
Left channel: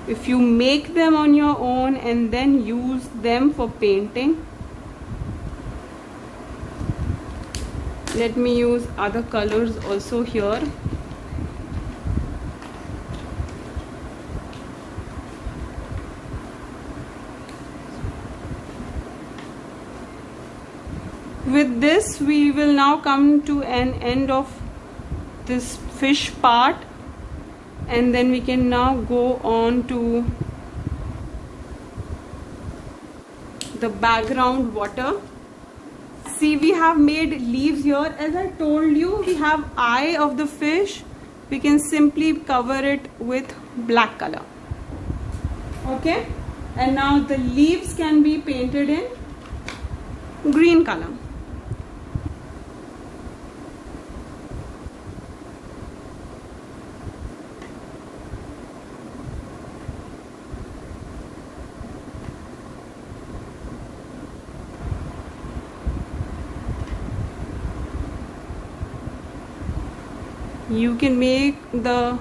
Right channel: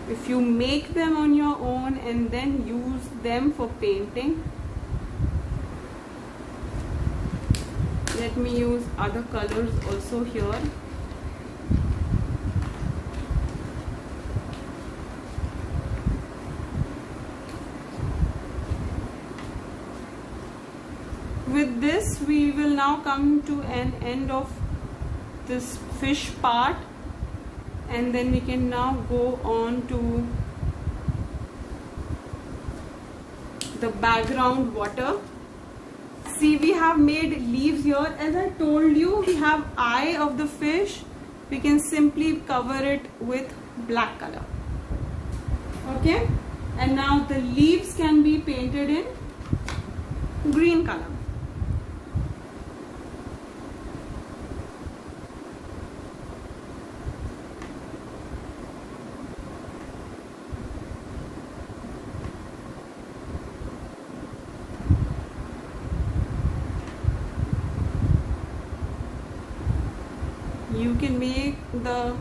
if you make them on your own and then use them for painting. Let me use other colors also here. With this, we will now come to an end of this fish part, and then we can now go on to the background water. See, we have made leaves here. As I told you, we have eye of the fish. We can simply cover it with black color. Okay, and now the leaves can be painted in green color. You can make the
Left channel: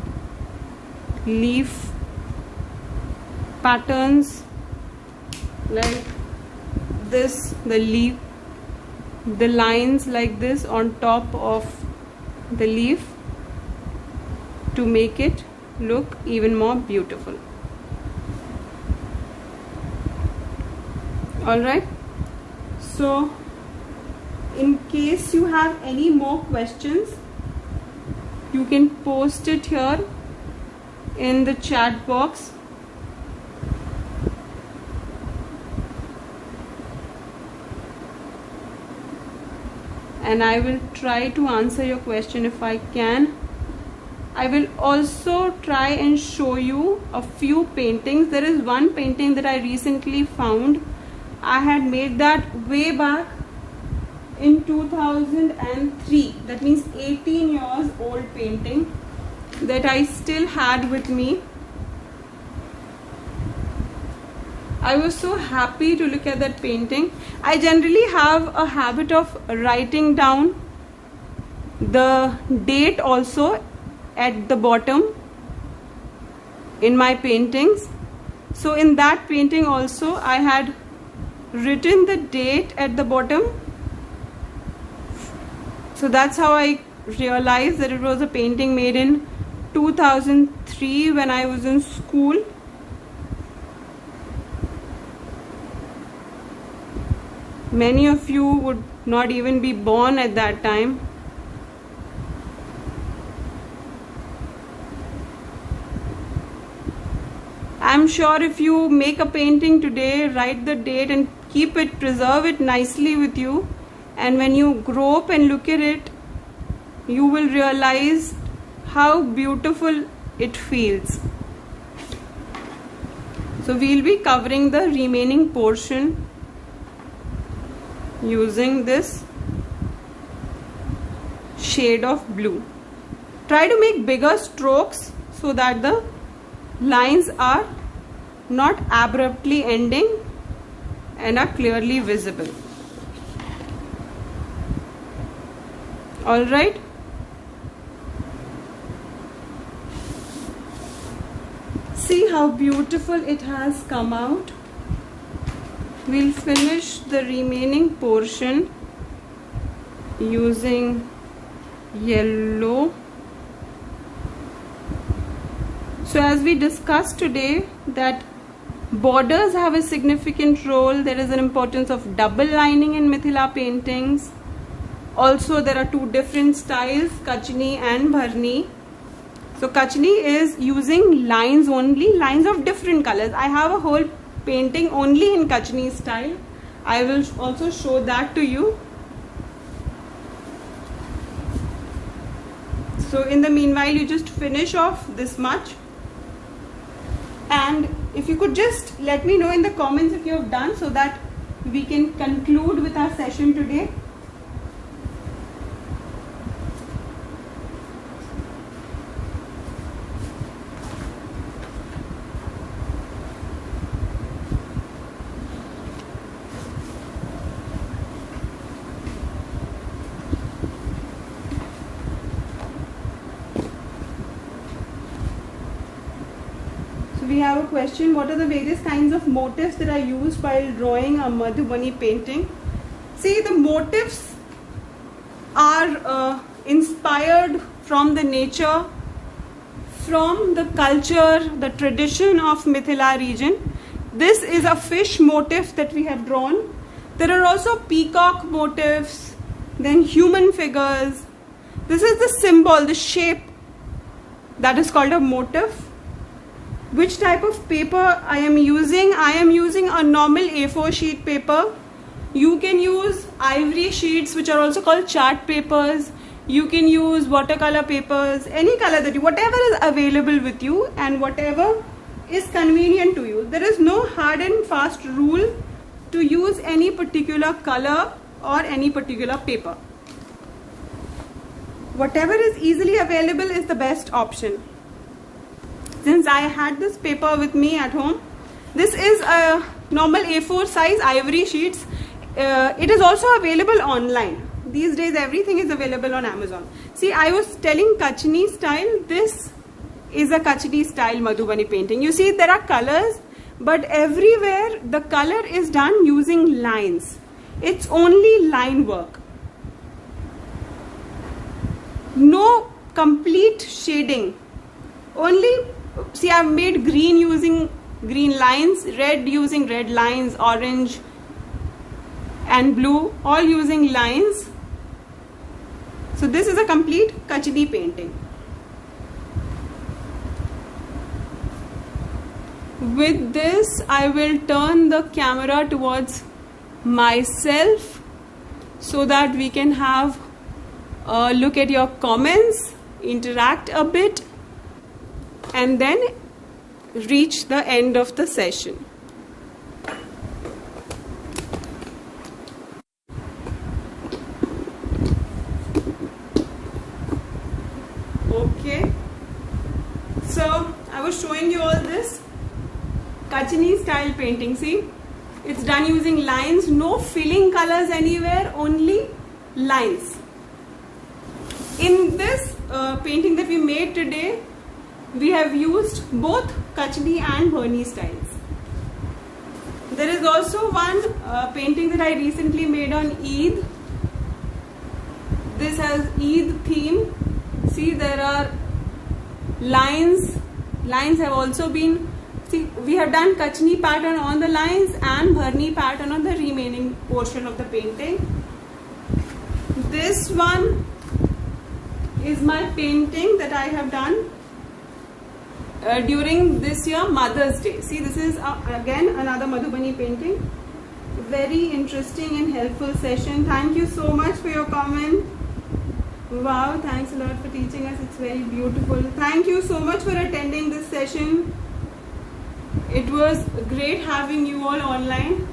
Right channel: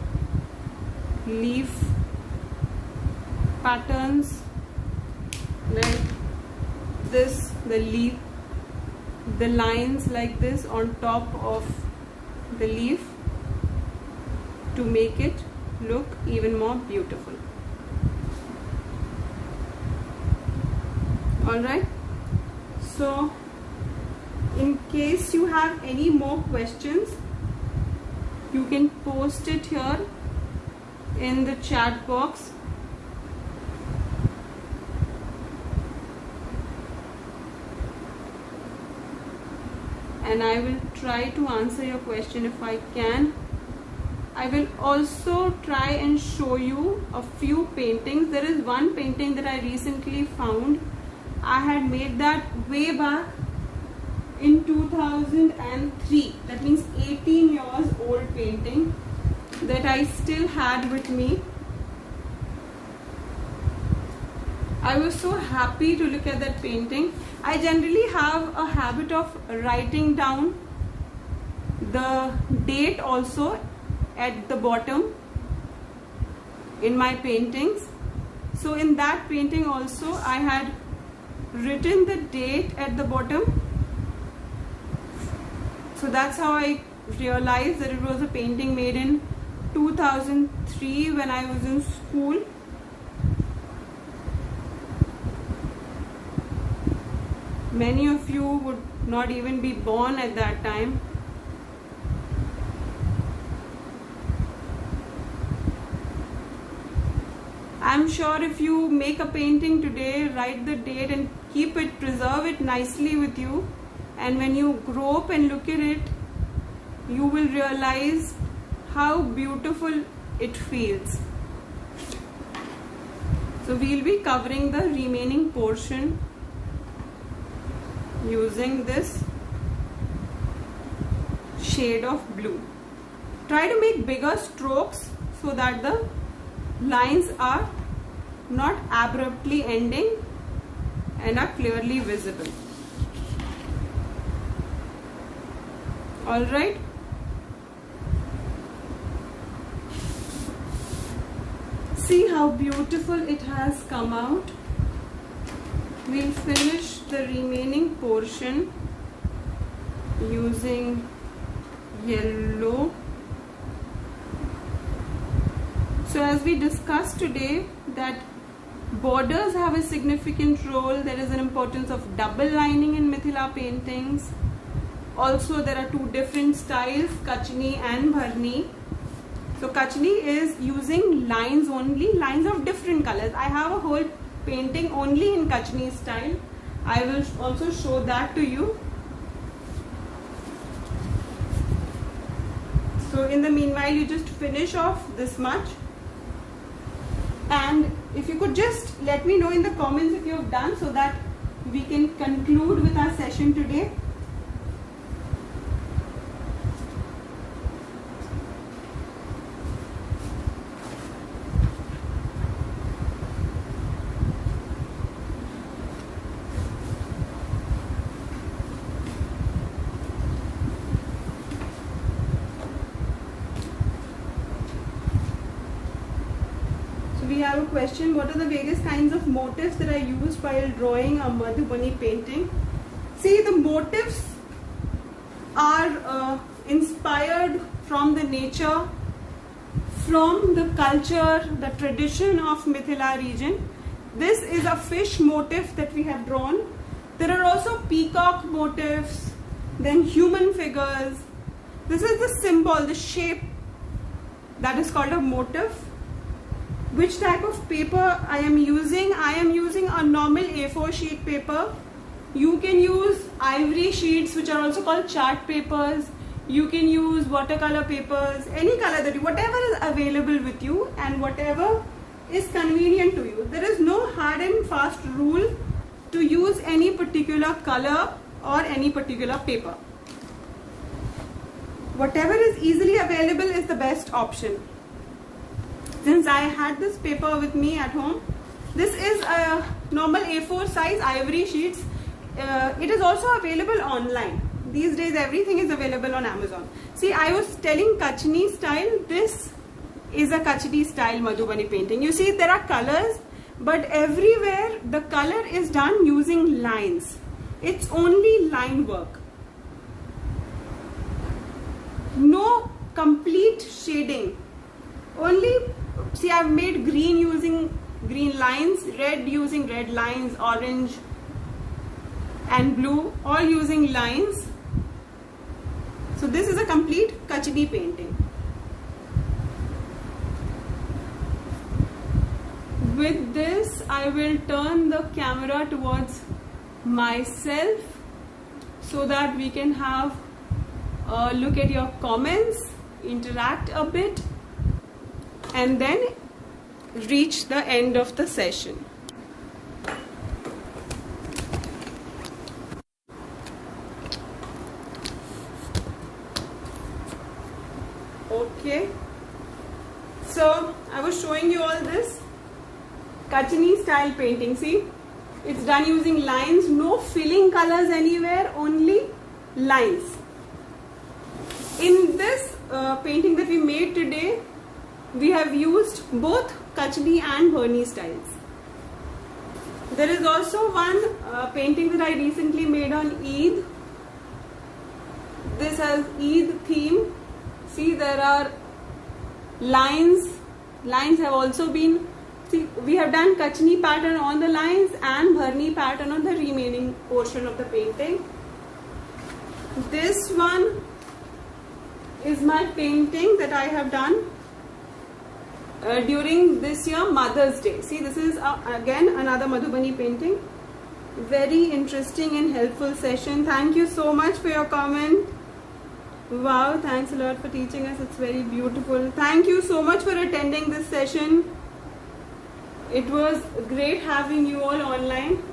leaf patterns like this, the lines like this on top of the leaf to make it look even more beautiful. Alright, so in case you have any more questions, you can post it here in the chat box. And I will try to answer your question if I can. I will also try and show you a few paintings. There is one painting that I recently found. I had made that way back in 2003. That means 18 years old painting that I still had with me. I was so happy to look at that painting. I generally have a habit of writing down the date also at the bottom in my paintings. So in that painting also I had written the date at the bottom. So that's how I realized that it was a painting made in 2003 when I was in school. Many of you would not even be born at that time. I'm sure if you make a painting today, write the date and keep it, preserve it nicely with you, and when you grow up and look at it, you will realize how beautiful it feels. So we'll be covering the remaining portion using this shade of blue. Try to make bigger strokes so that the lines are not abruptly ending and are clearly visible. All right. See how beautiful it has come out. We'll finish the remaining portion using yellow. So as we discussed today that borders have a significant role. There is an importance of double lining in Mithila paintings. Also there are two different styles, Kachni and Bharni. So Kachni is using lines only, lines of different colors. I have a whole painting only in Kachni style. I will also show that to you. So in the meanwhile, you just finish off this much. And if you could just let me know in the comments if you have done, so that we can conclude with our session today. question, what are the various kinds of motifs that are used while drawing a Madhubani painting? See, the motifs are inspired from the nature, from the culture, the tradition of Mithila region. This is a fish motif that we have drawn. There are also peacock motifs, then human figures. This is the symbol, the shape, that is called a motif. Which type of paper I am using? I am using a normal A4 sheet paper. You can use ivory sheets, which are also called chart papers. You can use watercolor papers, any color that you, whatever is available with you and whatever is convenient to you. There is no hard and fast rule to use any particular color or any particular paper. Whatever is easily available is the best option. Since I had this paper with me at home, this is a normal A4 size ivory sheets. It is also available online. These days everything is available on Amazon. See, I was telling Kachni style. This is a Kachni style Madhubani painting. You see, there are colors, but everywhere the color is done using lines. It's only line work. No complete shading. Only, see, I've made green using green lines, red using red lines, orange and blue, all using lines. So this is a complete Kachni painting. With this, I will turn the camera towards myself so that we can have a look at your comments, interact a bit, and then reach the end of the session. Okay, so I was showing you all this Kachni style painting. See, it's done using lines, no filling colors anywhere, only lines. In this painting that we made today, we have used both Kachni and Bharni styles. There is also one painting that I recently made on Eid. This has Eid theme. See, there are lines. Lines have also been, see, we have done Kachni pattern on the lines and Bharni pattern on the remaining portion of the painting. This one is my painting that I have done during this year Mother's Day. See, this is again another Madhubani painting. Very interesting and helpful session. Thank you so much for your comment. Wow, thanks a lot for teaching us. It's very beautiful. Thank you so much for attending this session. It was great having you all online.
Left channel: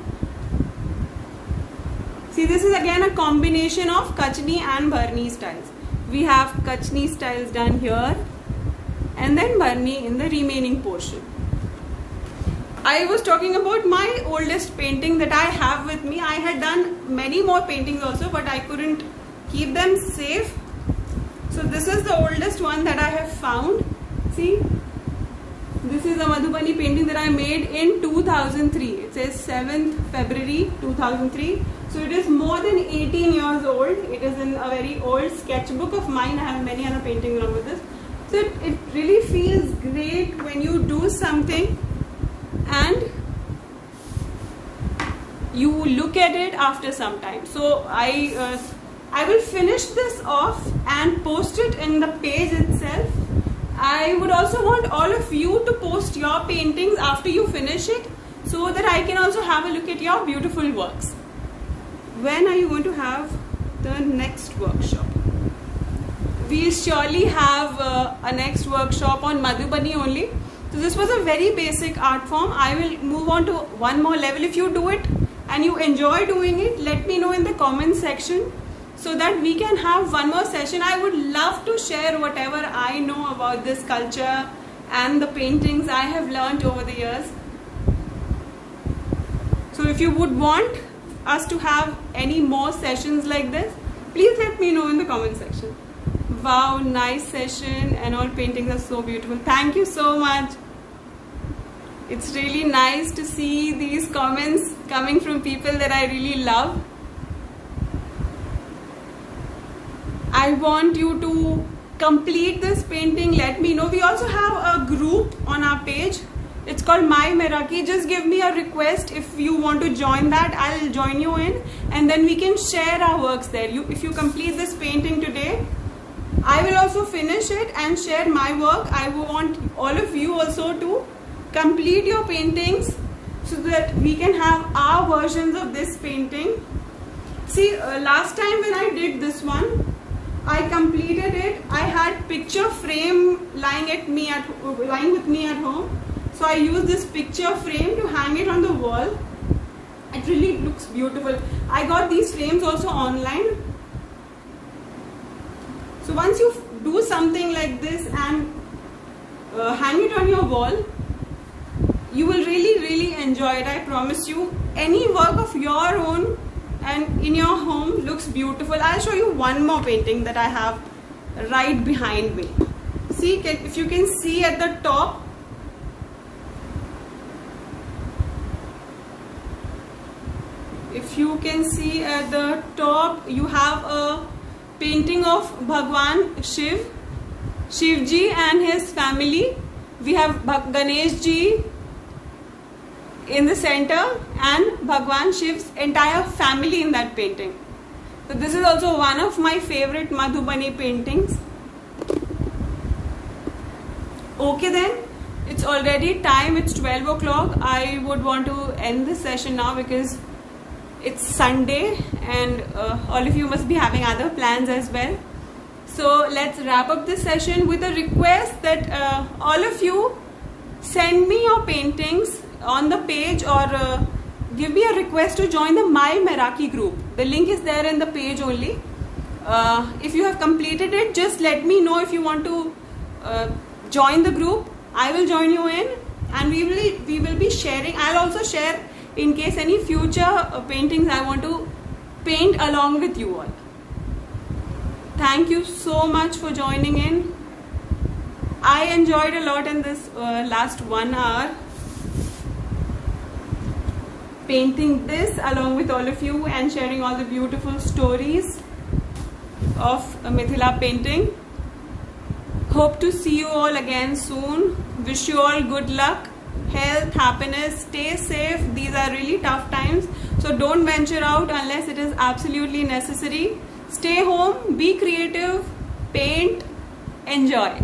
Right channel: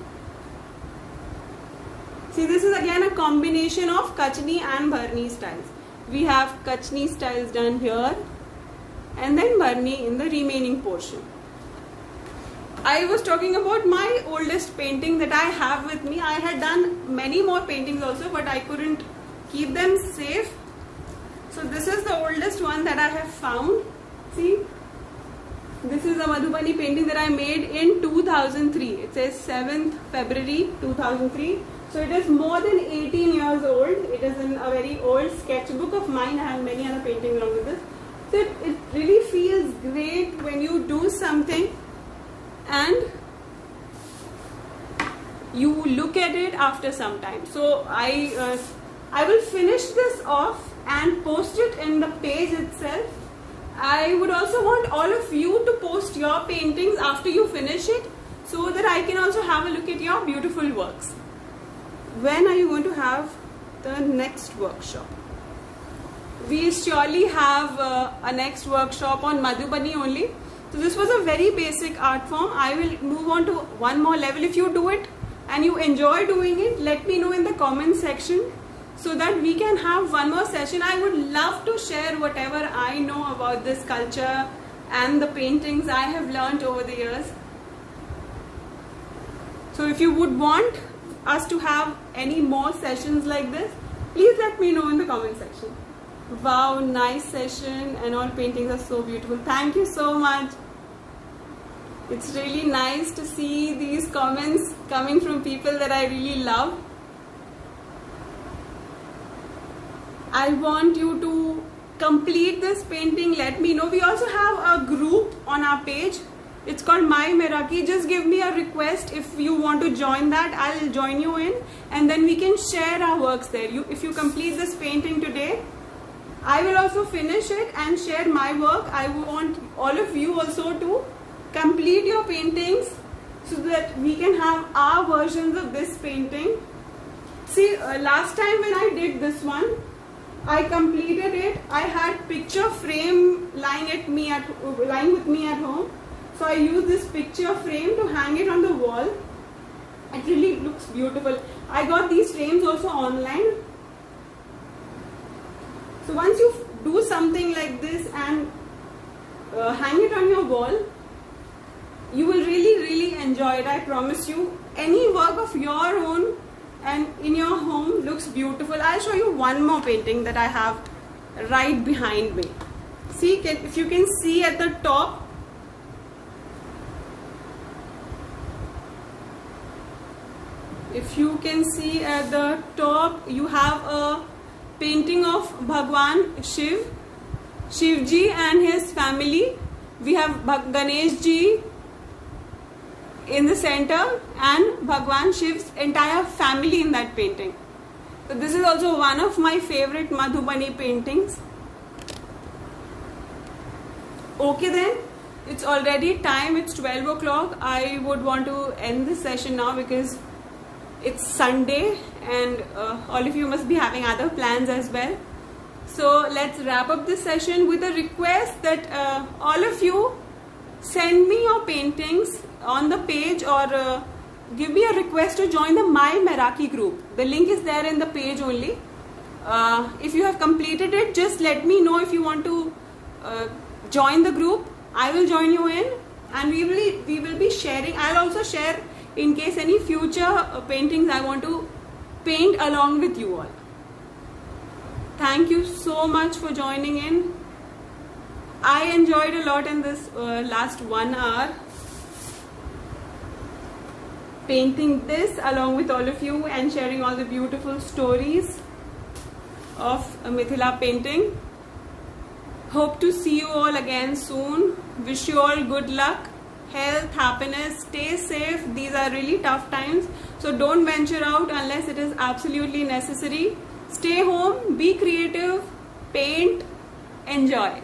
See, this is again a combination of Kachni and Bharni styles. We have Kachni styles done here and then Bharni in the remaining portion. I was talking about my oldest painting that I have with me. I had done many more paintings also, but I couldn't keep them safe. So this is the oldest one that I have found. See, this is a Madhubani painting that I made in 2003. It says 7th February 2003. So it is more than 18 years old. It is in a very old sketchbook of mine. I have many other paintings along with this. So it really feels great when you do something and you look at it after some time. So I will finish this off and post it in the page itself. I would also want all of you to post your paintings after you finish it so that I can also have a look at your beautiful works. When are you going to have the next workshop? We surely have a next workshop on Madhubani only. So this was a very basic art form. I will move on to one more level. If you do it and you enjoy doing it, let me know in the comment section so that we can have one more session. I would love to share whatever I know about this culture and the paintings I have learned over the years. So if you would want us to have any more sessions like this, please let me know in the comment section. Wow, nice session and all paintings are so beautiful. Thank you so much. It's really nice to see these comments coming from people that I really love. I want you to complete this painting. Let me know. We also have a group on our page. It's called My Meraki. Just give me a request if you want to join that. I'll join you in, and then we can share our works there. If you complete this painting today, I will also finish it and share my work. I want all of you also to complete your paintings so that we can have our versions of this painting. See, last time when I did this one, I completed it. I had picture frame lying with me at home. So I used this picture frame to hang it on the wall. It really looks beautiful. I got these frames also online. So once you do something like this and hang it on your wall, you will really enjoy it. I promise you. Any work of your own and in your home looks beautiful. I'll show you one more painting that I have right behind me. See, if you can see at the top, you have a painting of Bhagwan Shivji and his family. We have Ganesh ji in the center and Bhagwan Shiv's entire family in that painting. So this is also one of my favorite Madhubani paintings. Okay then, it's already time, it's 12 o'clock. I would want to end this session now because it's Sunday and all of you must be having other plans as well. So let's wrap up this session with a request that all of you send me your paintings on the page or give me a request to join the My Meraki group. The link is there in the page only. If you have completed it, just let me know if you want to join the group. I will join you in and we will be sharing. I'll also share in case any future paintings I want to paint along with you all. Thank you so much for joining in. I enjoyed a lot in this last 1 hour painting this along with all of you and sharing all the beautiful stories of Mithila painting. Hope to see you all again soon. Wish you all good luck, health, happiness, stay safe. These are really tough times, so don't venture out unless it is absolutely necessary. Stay home, be creative, paint, enjoy.